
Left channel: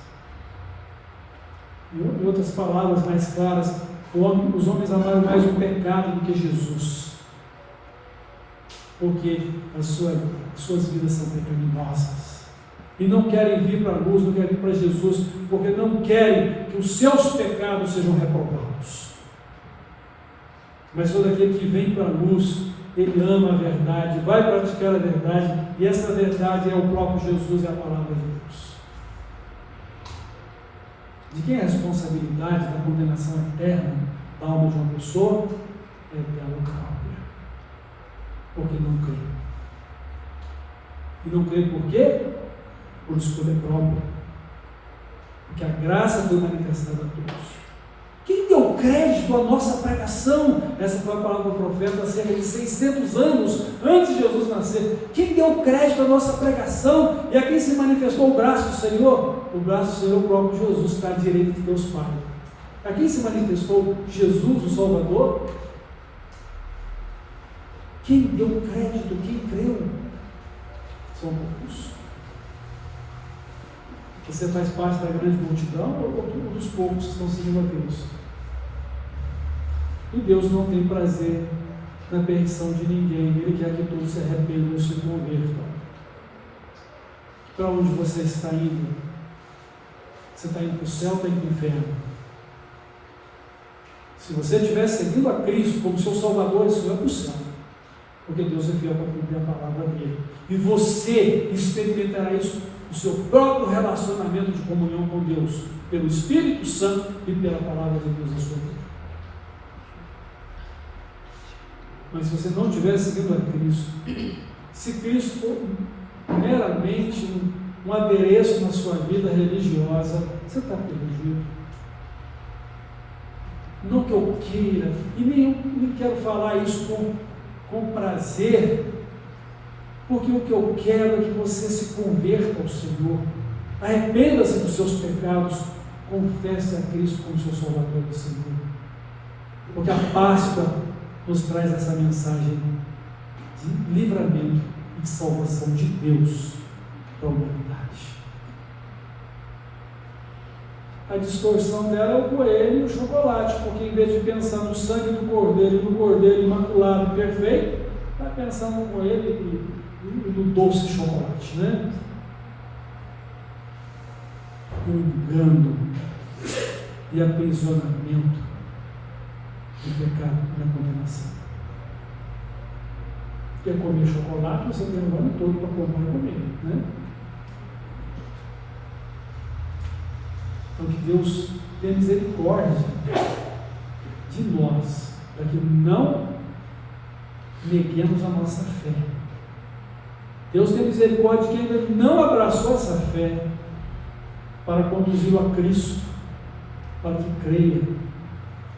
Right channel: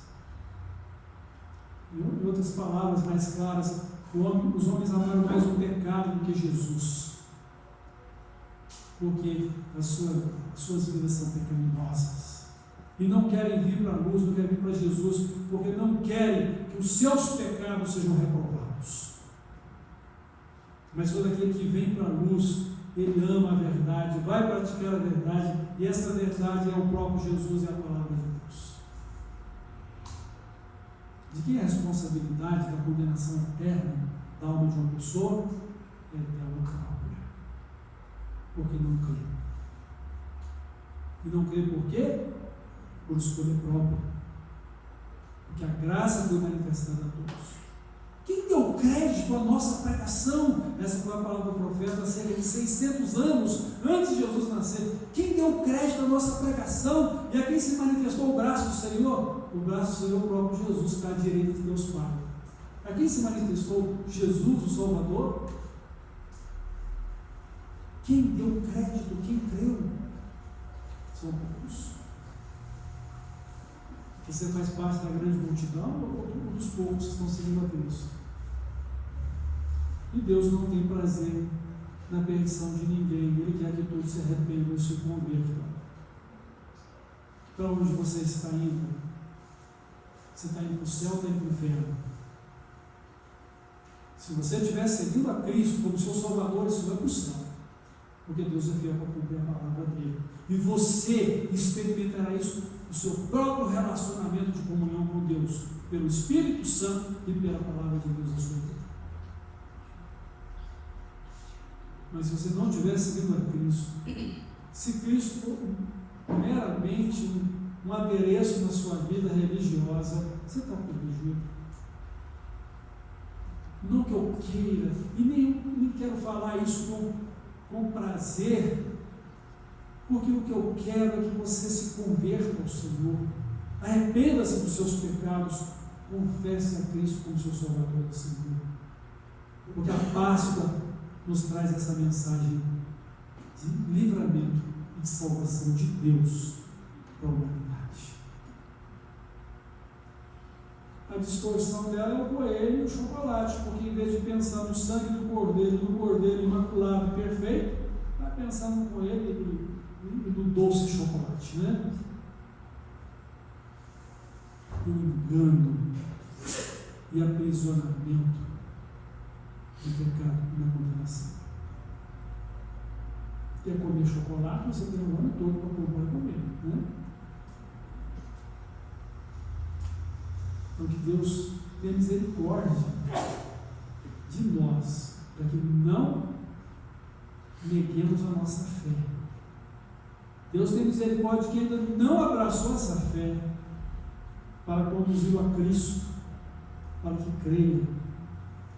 Em outras palavras mais claras, os homens amaram mais o pecado do que Jesus, porque as suas vidas são pecaminosas, e não querem vir para a luz, não querem vir para Jesus, porque não querem que os seus pecados sejam reprovados. Mas todo aquele que vem para a luz, ele ama a verdade, vai praticar a verdade, e essa verdade é o próprio Jesus e a palavra de Deus. De quem é a responsabilidade da condenação eterna da alma de uma pessoa? É dela própria, porque não crê. E não crê por quê? Por escolha própria, porque a graça foi manifestada a todos. Quem deu crédito à nossa pregação? Essa foi a palavra do profeta há cerca de 600 anos antes de Jesus nascer. Quem deu crédito à nossa pregação? E a quem se manifestou o braço do Senhor? O braço do Senhor é o próprio Jesus, que está à direita de Deus Pai. A quem se manifestou Jesus, o Salvador? Quem deu crédito? Quem creu? São poucos. Você faz parte da grande multidão ou dos poucos que estão seguindo a Cristo? E Deus não tem prazer na perdição de ninguém. Ele quer que todos se arrependam e se convertam. Para onde você está indo? Você está indo para o céu ou está indo para o inferno? Se você estiver seguindo a Cristo como seu Salvador, isso vai para o céu, porque Deus é fiel para cumprir a palavra dele. E você experimentará isso no seu próprio relacionamento de comunhão com Deus, pelo Espírito Santo e pela palavra de Deus na sua vida. Mas se você não estiver seguindo a Cristo, se Cristo for meramente um adereço na sua vida religiosa, você está perdido. Não que eu queira, e nem quero falar isso com prazer, porque o que eu quero é que você se converta ao Senhor, arrependa-se dos seus pecados, confesse a Cristo como seu Salvador e Senhor, porque a Páscoa nos traz essa mensagem de livramento e de salvação de Deus para a humanidade. a distorção dela é o coelho e o chocolate, porque em vez de pensar no sangue do cordeiro e no cordeiro imaculado e perfeito, vai pensar no coelho e no doce chocolate, né? O engano e aprisionamento do pecado e da condenação. Quer comer chocolate, você tem o ano todo para comprar e comer, né? Então que Deus tenha misericórdia de nós, para que não neguemos a nossa fé. Deus tem misericórdia de quem ainda não abraçou essa fé, para conduzi-lo a Cristo, para que creia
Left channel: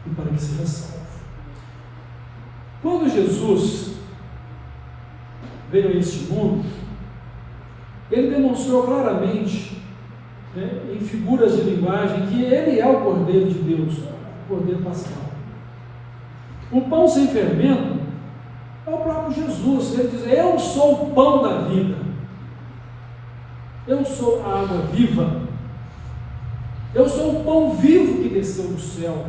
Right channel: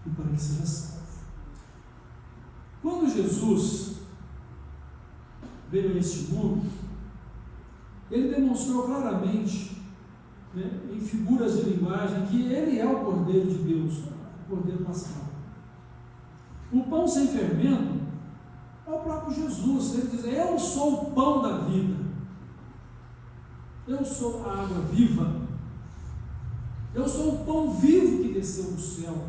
e para que seja salvo. Quando Jesus veio a este mundo, ele demonstrou claramente, em figuras de linguagem, que ele é o Cordeiro de Deus, o Cordeiro Pascal. O pão sem fermento é o próprio Jesus. Ele diz: eu sou o pão da vida, eu sou a água viva, eu sou o pão vivo que desceu do céu.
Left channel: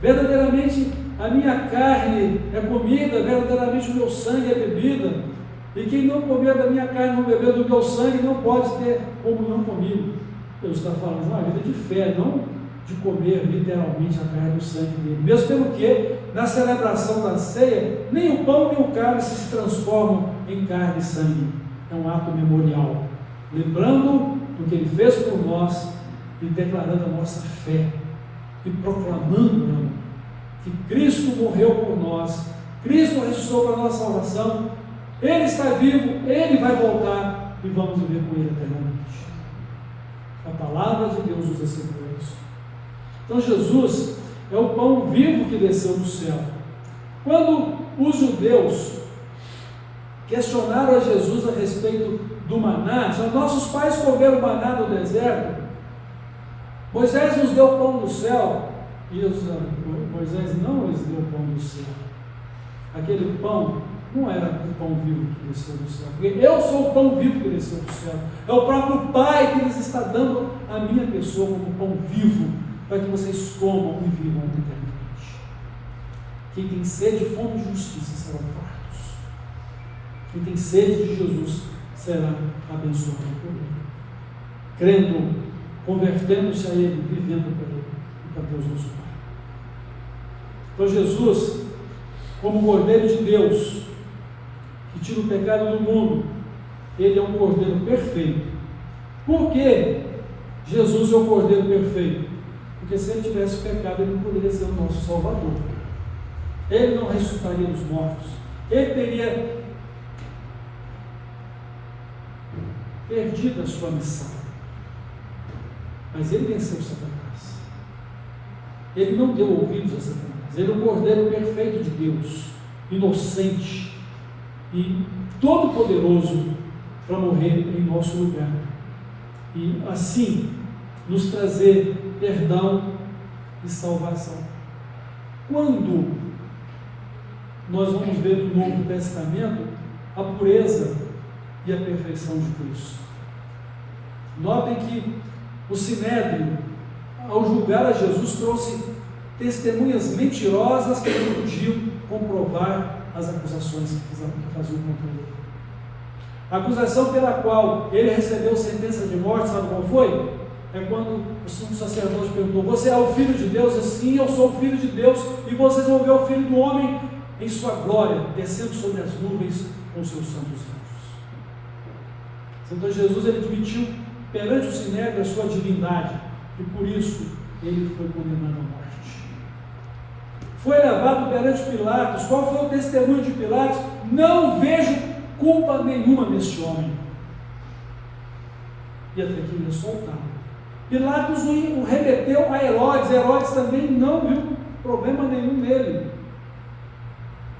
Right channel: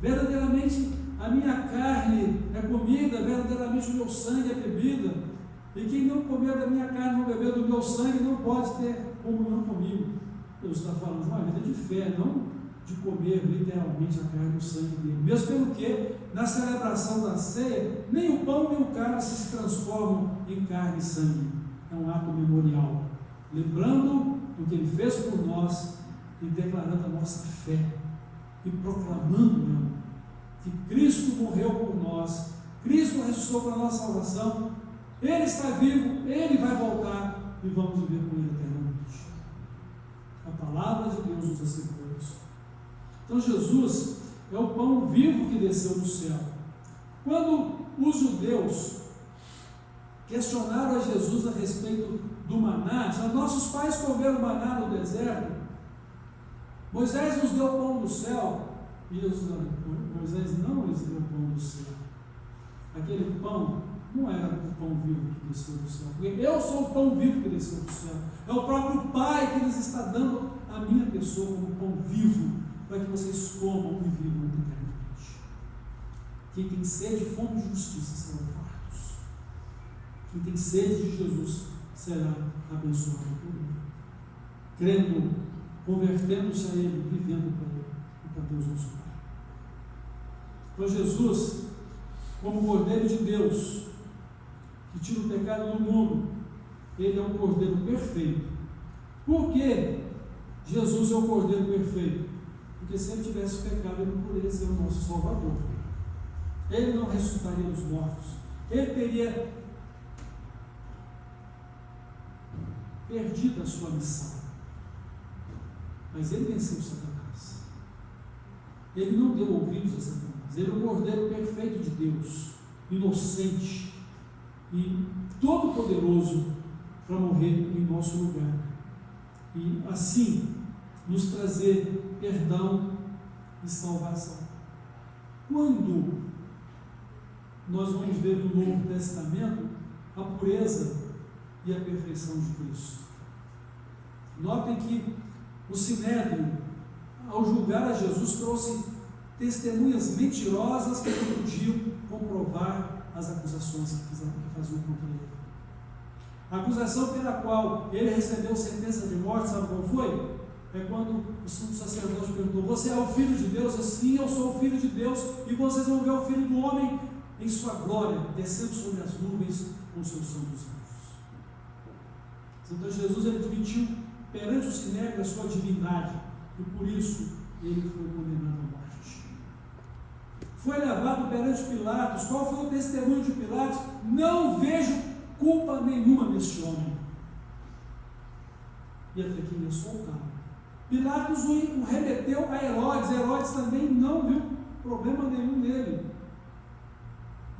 Verdadeiramente a minha carne é comida, verdadeiramente o meu sangue é bebida, e quem não comer da minha carne, não beber do meu sangue, não pode ter comunhão comigo. Deus está falando de uma vida de fé, não de comer literalmente a carne e o sangue dele. Mesmo pelo que, na celebração da ceia, nem o pão nem o cálice se transformam em carne e sangue. É um ato memorial, lembrando do que ele fez por nós e declarando a nossa fé e proclamando que Cristo morreu por nós, Cristo ressuscitou para a nossa salvação, Ele está vivo, Ele vai voltar e vamos viver com Ele eternamente. A palavra de Deus nos assegura isso. Então Jesus é o pão vivo que desceu do céu. Quando os judeus questionaram a Jesus a respeito do maná, disseram: nossos pais comeram maná no deserto, Moisés nos deu o pão do céu. E Moisés não lhes deu o pão do céu. Aquele pão não era o pão vivo que desceu do céu, porque eu sou o pão vivo que desceu do céu. É o próprio Pai que lhes está dando a minha pessoa como pão vivo, para que vocês comam e vivam eternamente. Quem tem sede e fome de justiça serão fartos. Quem tem sede de Jesus será abençoado por Ele, crendo, convertendo-se a Ele, vivendo para Ele e para Deus nosso Pai. Então Jesus, como Cordeiro de Deus, que tira o pecado do mundo, Ele é um Cordeiro perfeito. Por que Jesus é o Cordeiro perfeito? Porque se Ele tivesse pecado, Ele não poderia ser o nosso Salvador. Ele não ressuscitaria dos mortos. Ele teria perdido a sua missão. Mas Ele venceu Satanás. Ele não deu ouvidos a Satanás. Ele é o Cordeiro perfeito de Deus, inocente e todo-poderoso para morrer em nosso lugar e assim nos trazer perdão e salvação. Quando nós vamos ver no Novo Testamento a pureza e a perfeição de Cristo. Notem que o Sinédrio, ao julgar a Jesus, trouxe testemunhas mentirosas que não podiam comprovar as acusações que faziam contra ele. A acusação pela qual ele recebeu sentença de morte, sabe qual foi? É quando o sumo sacerdote perguntou: você é o Filho de Deus? Assim, eu sou o Filho de Deus, e vocês vão ver o Filho do Homem em sua glória, descendo sobre as nuvens com seus santos anjos. Então Jesus, ele admitiu perante o Sinédrio a sua divindade, e por isso ele foi condenado à morte. Foi levado perante Pilatos. Qual foi o testemunho de Pilatos? Não vejo culpa nenhuma neste homem. E até que ele é soltado. Pilatos o remeteu a Herodes. Herodes também não viu problema nenhum nele.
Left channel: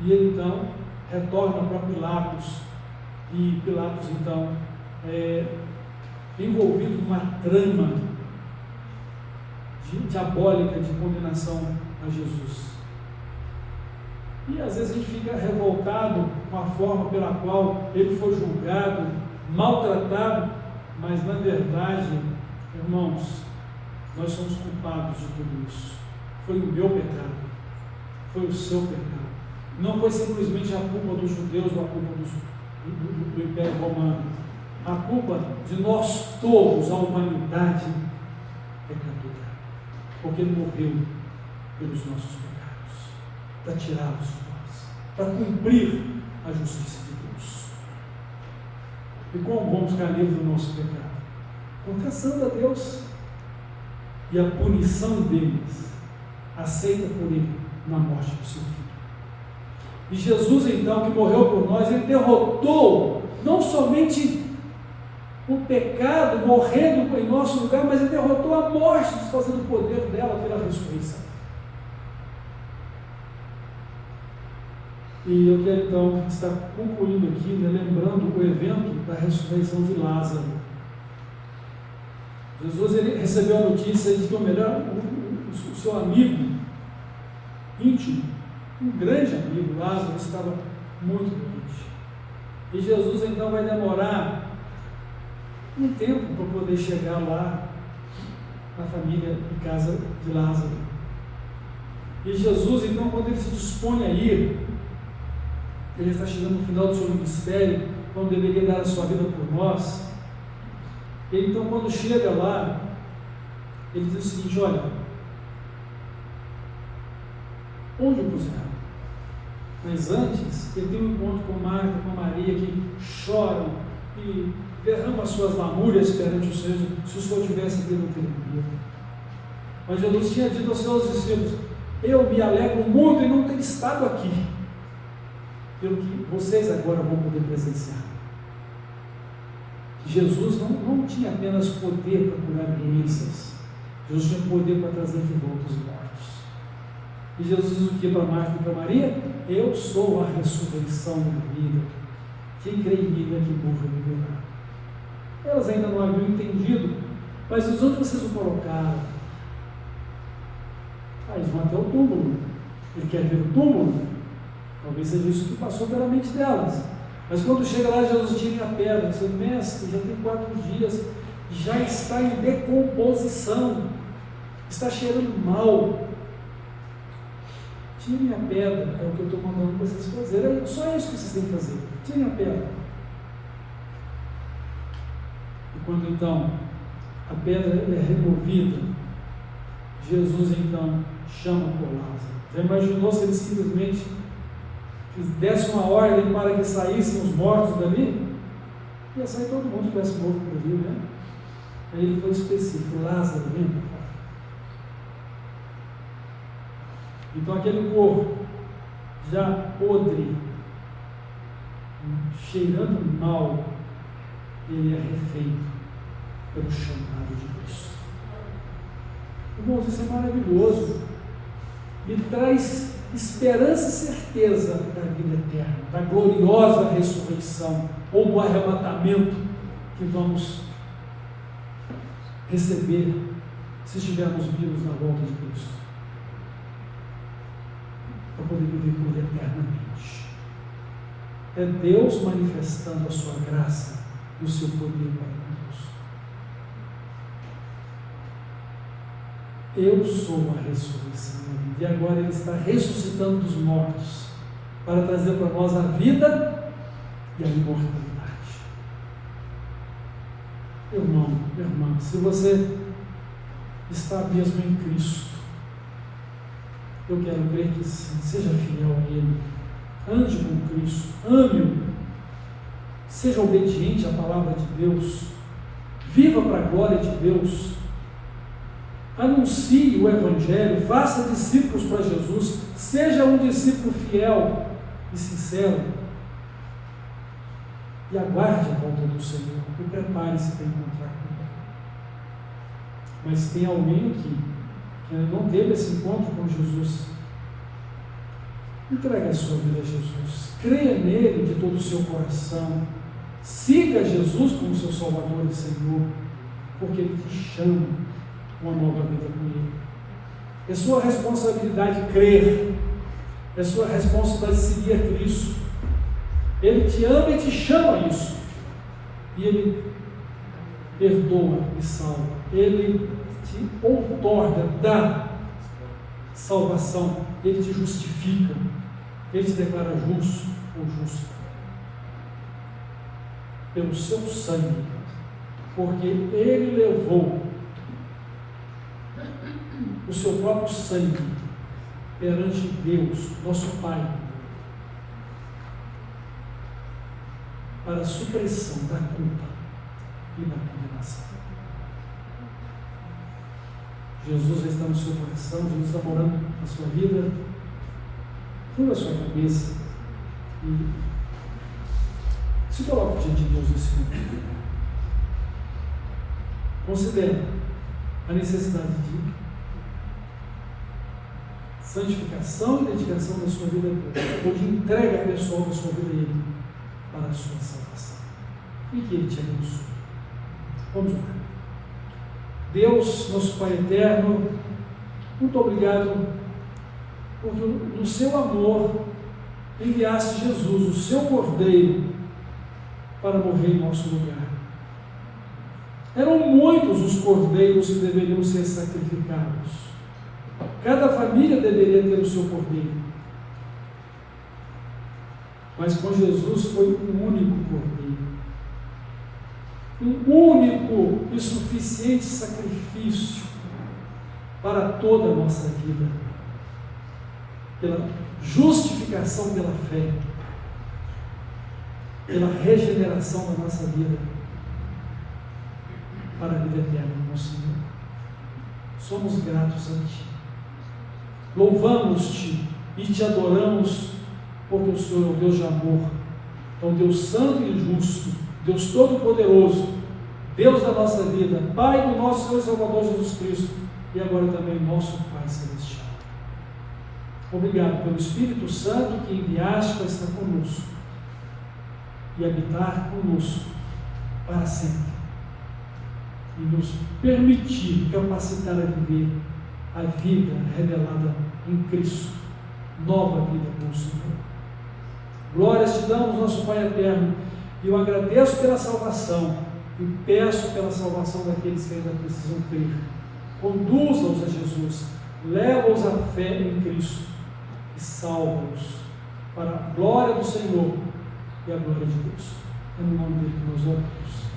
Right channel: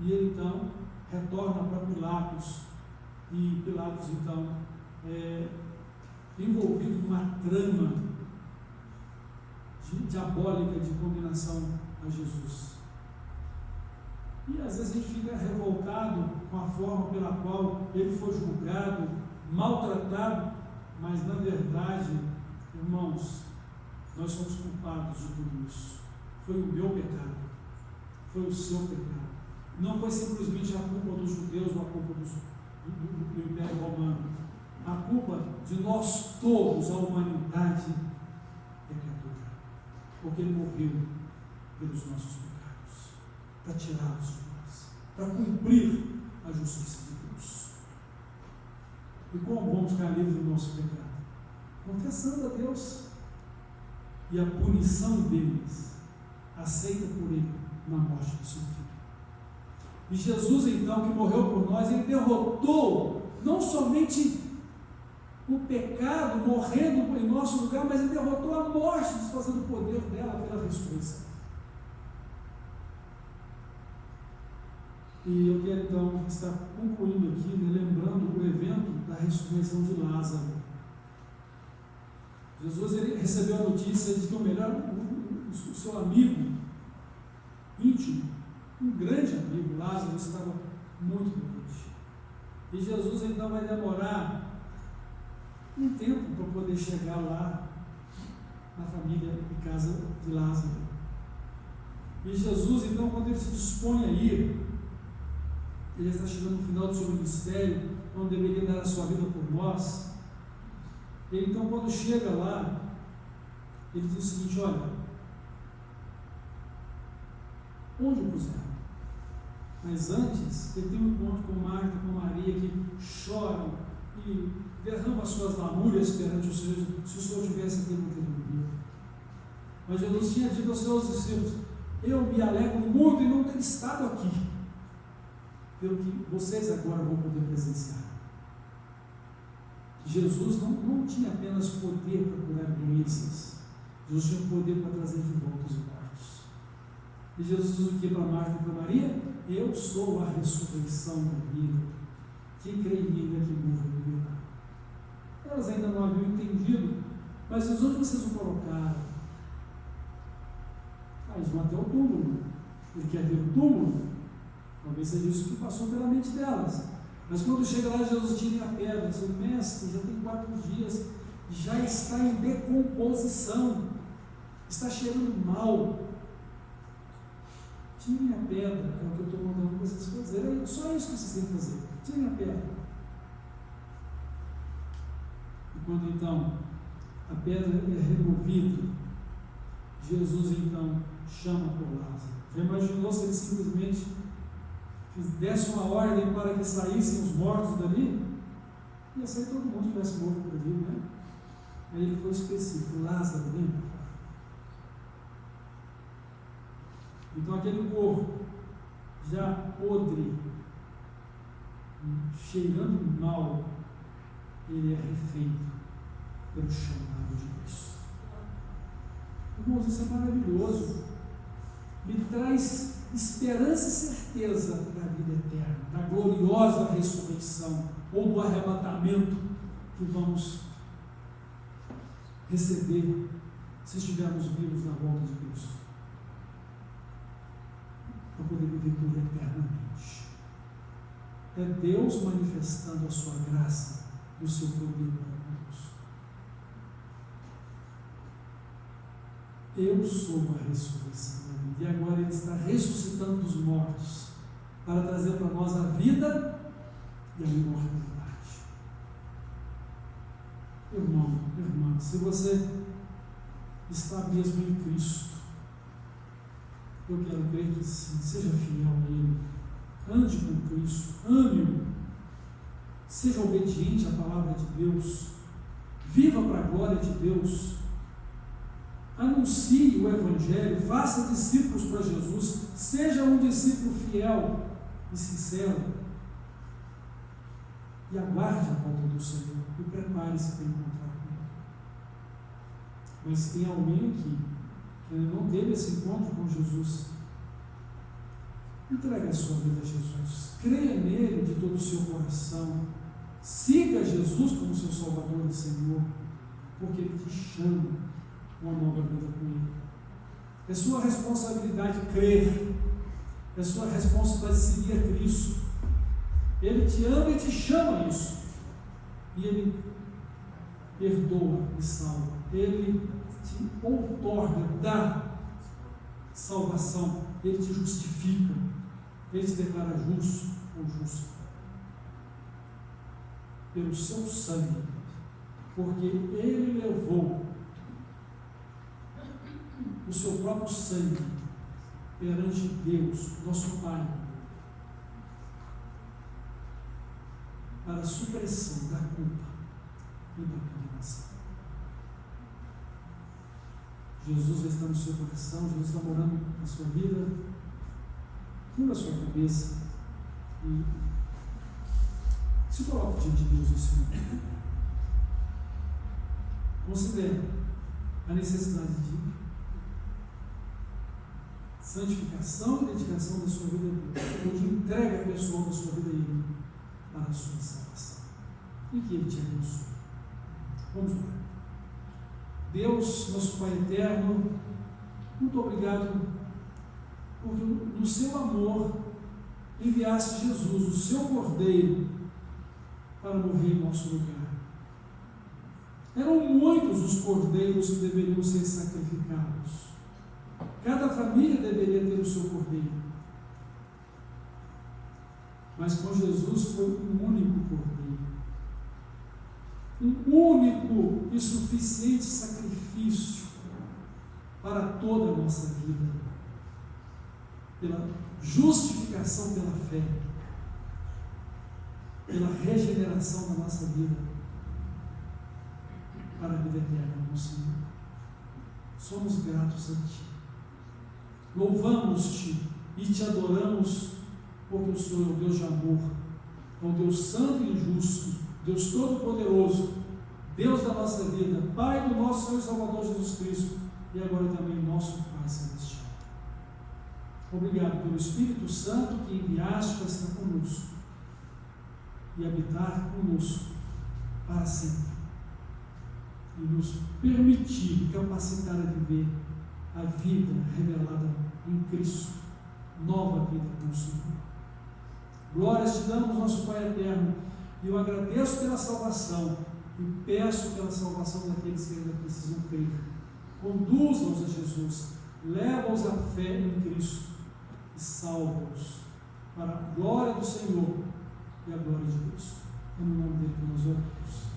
E ele então retorna para Pilatos. E Pilatos então é envolvido numa trama diabólica de condenação a Jesus. E às vezes a gente fica revoltado com a forma pela qual ele foi julgado, maltratado, mas na verdade, irmãos, Nós somos culpados de tudo isso. Foi o meu pecado, foi o seu pecado. Não foi simplesmente a culpa dos judeus ou a culpa do Império Romano. A culpa de nós todos, a humanidade pecadora. Porque Ele morreu pelos nossos pecados, para tirá-los de nós, para cumprir a justiça de Deus. E como vamos ficar livres do nosso pecado? Confessando a Deus. E a punição deles, aceita por Ele na morte do seu Filho. E Jesus, então, que morreu por nós, Ele derrotou não somente o pecado morrendo em nosso lugar, mas Ele derrotou a morte, desfazendo o poder dela pela ressurreição. E eu quero então estar concluindo aqui, né, lembrando o evento da ressurreição de Lázaro. Jesus, ele recebeu a notícia de que o seu amigo íntimo, um grande amigo, Lázaro, estava muito doente. E Jesus então vai demorar um tempo para poder chegar lá na família em casa de Lázaro. E Jesus então, quando ele se dispõe a ir, ele está chegando no final do seu ministério, quando deveria dar a sua vida por nós. Ele então, quando chega lá, ele diz o seguinte: olha, onde o puseram? Mas antes, ele tem um encontro com Marta, com Maria, que choram e derramam as suas lamúrias perante o Senhor. Se o Senhor tivesse aqui, não teria morrido. Mas Jesus tinha dito aos seus discípulos: eu me alegro muito em não ter estado aqui, pelo que vocês agora vão poder presenciar. Jesus não tinha apenas poder para curar doenças, Jesus tinha poder para trazer de volta os mortos. E Jesus diz o que para Marta e para Maria? Eu sou a ressurreição da vida. Quem crê em mim é que morra viverá. Elas ainda não haviam entendido, mas diz: onde vocês o colocaram? Eles vão até o túmulo. Ele quer ver o túmulo? Talvez seja isso que passou pela mente delas. Mas quando chega lá, Jesus tira a pedra. Seu mestre, já tem 4 dias, já está em decomposição, está cheirando mal. Tirem a pedra, é o que eu estou mandando vocês fazerem. É só isso que vocês têm que fazer. Tirem a pedra. E quando então a pedra é removida, Jesus então chama por Lázaro. Já imaginou se ele simplesmente desse uma ordem para que saíssem os mortos dali? Ia sair todo mundo que estivesse morto por ali, né? Aí ele foi específico: Lázaro, vem para cá. Então aquele corpo já podre, cheirando mal, ele é refeito pelo chamado de Cristo. Irmãos, isso é maravilhoso. Me traz esperança e certeza da vida eterna, da gloriosa ressurreição ou do arrebatamento que vamos receber se estivermos vivos na volta de Cristo, para poder viver por eternamente. É Deus manifestando a sua graça e o seu poder para conosco. Eu sou a ressurreição da vida. E agora Ele está ressuscitando dos mortos para trazer para nós a vida e a imortalidade. Irmão, irmã, se você está mesmo em Cristo, eu quero crer que sim, seja fiel a Ele, ande com Cristo, ame-o, seja obediente à palavra de Deus, viva para a glória de Deus, anuncie o Evangelho, faça discípulos para Jesus, seja um discípulo fiel e sincero, e aguarde a volta do Senhor, e prepare-se para encontrar com Ele. Mas se tem alguém aqui que ainda não teve esse encontro com Jesus, entregue a sua vida a Jesus, creia nele de todo o seu coração, siga Jesus como seu Salvador e Senhor, porque Ele te chama uma nova vida com Ele. É sua responsabilidade crer, é sua responsabilidade seguir a Cristo. Ele te ama e te chama a isso, e Ele perdoa e salva, Ele te te outorga, dá salvação, Ele te justifica, Ele te declara justo ou justo, pelo seu sangue, porque Ele levou o seu próprio sangue perante Deus, nosso Pai, para a supressão da culpa e da condenação. Jesus já está no seu coração, Jesus está morando na sua vida, curva a sua cabeça e se coloque diante de Deus nesse momento. Considere a necessidade de santificação e dedicação da sua vida a Deus, ou de entrega pessoal da sua vida a Ele, para a sua salvação. E que Ele te abençoe. Vamos orar. Deus, nosso Pai eterno, muito obrigado, porque no seu amor enviaste Jesus, o seu Cordeiro, para morrer em nosso lugar. Eram muitos os cordeiros que deveriam ser sacrificados. Cada família deveria ter o seu cordeiro. Mas com Jesus foi um único cordeiro. Um único e suficiente sacrifício para toda a nossa vida. Pela justificação pela fé. Pela regeneração da nossa vida. Para a vida eterna, meu Senhor. Somos gratos a Ti. Louvamos-Te e Te adoramos, porque o Senhor é o Deus de amor, é o Deus santo e justo, Deus todo-poderoso, Deus da nossa vida, Pai do nosso Senhor e Salvador Jesus Cristo, e agora também nosso Pai Celestial. Obrigado pelo Espírito Santo que enviaste para estar conosco e habitar conosco para sempre, e nos permitir, capacitar a viver a vida revelada em Cristo, nova vida com o Senhor. Glórias te damos, nosso Pai eterno, e eu agradeço pela salvação e peço pela salvação daqueles que ainda precisam crer. Conduza-os a Jesus, leva-os à fé em Cristo e salva-os para a glória do Senhor e a glória de Deus. É no nome dele que nós oramos.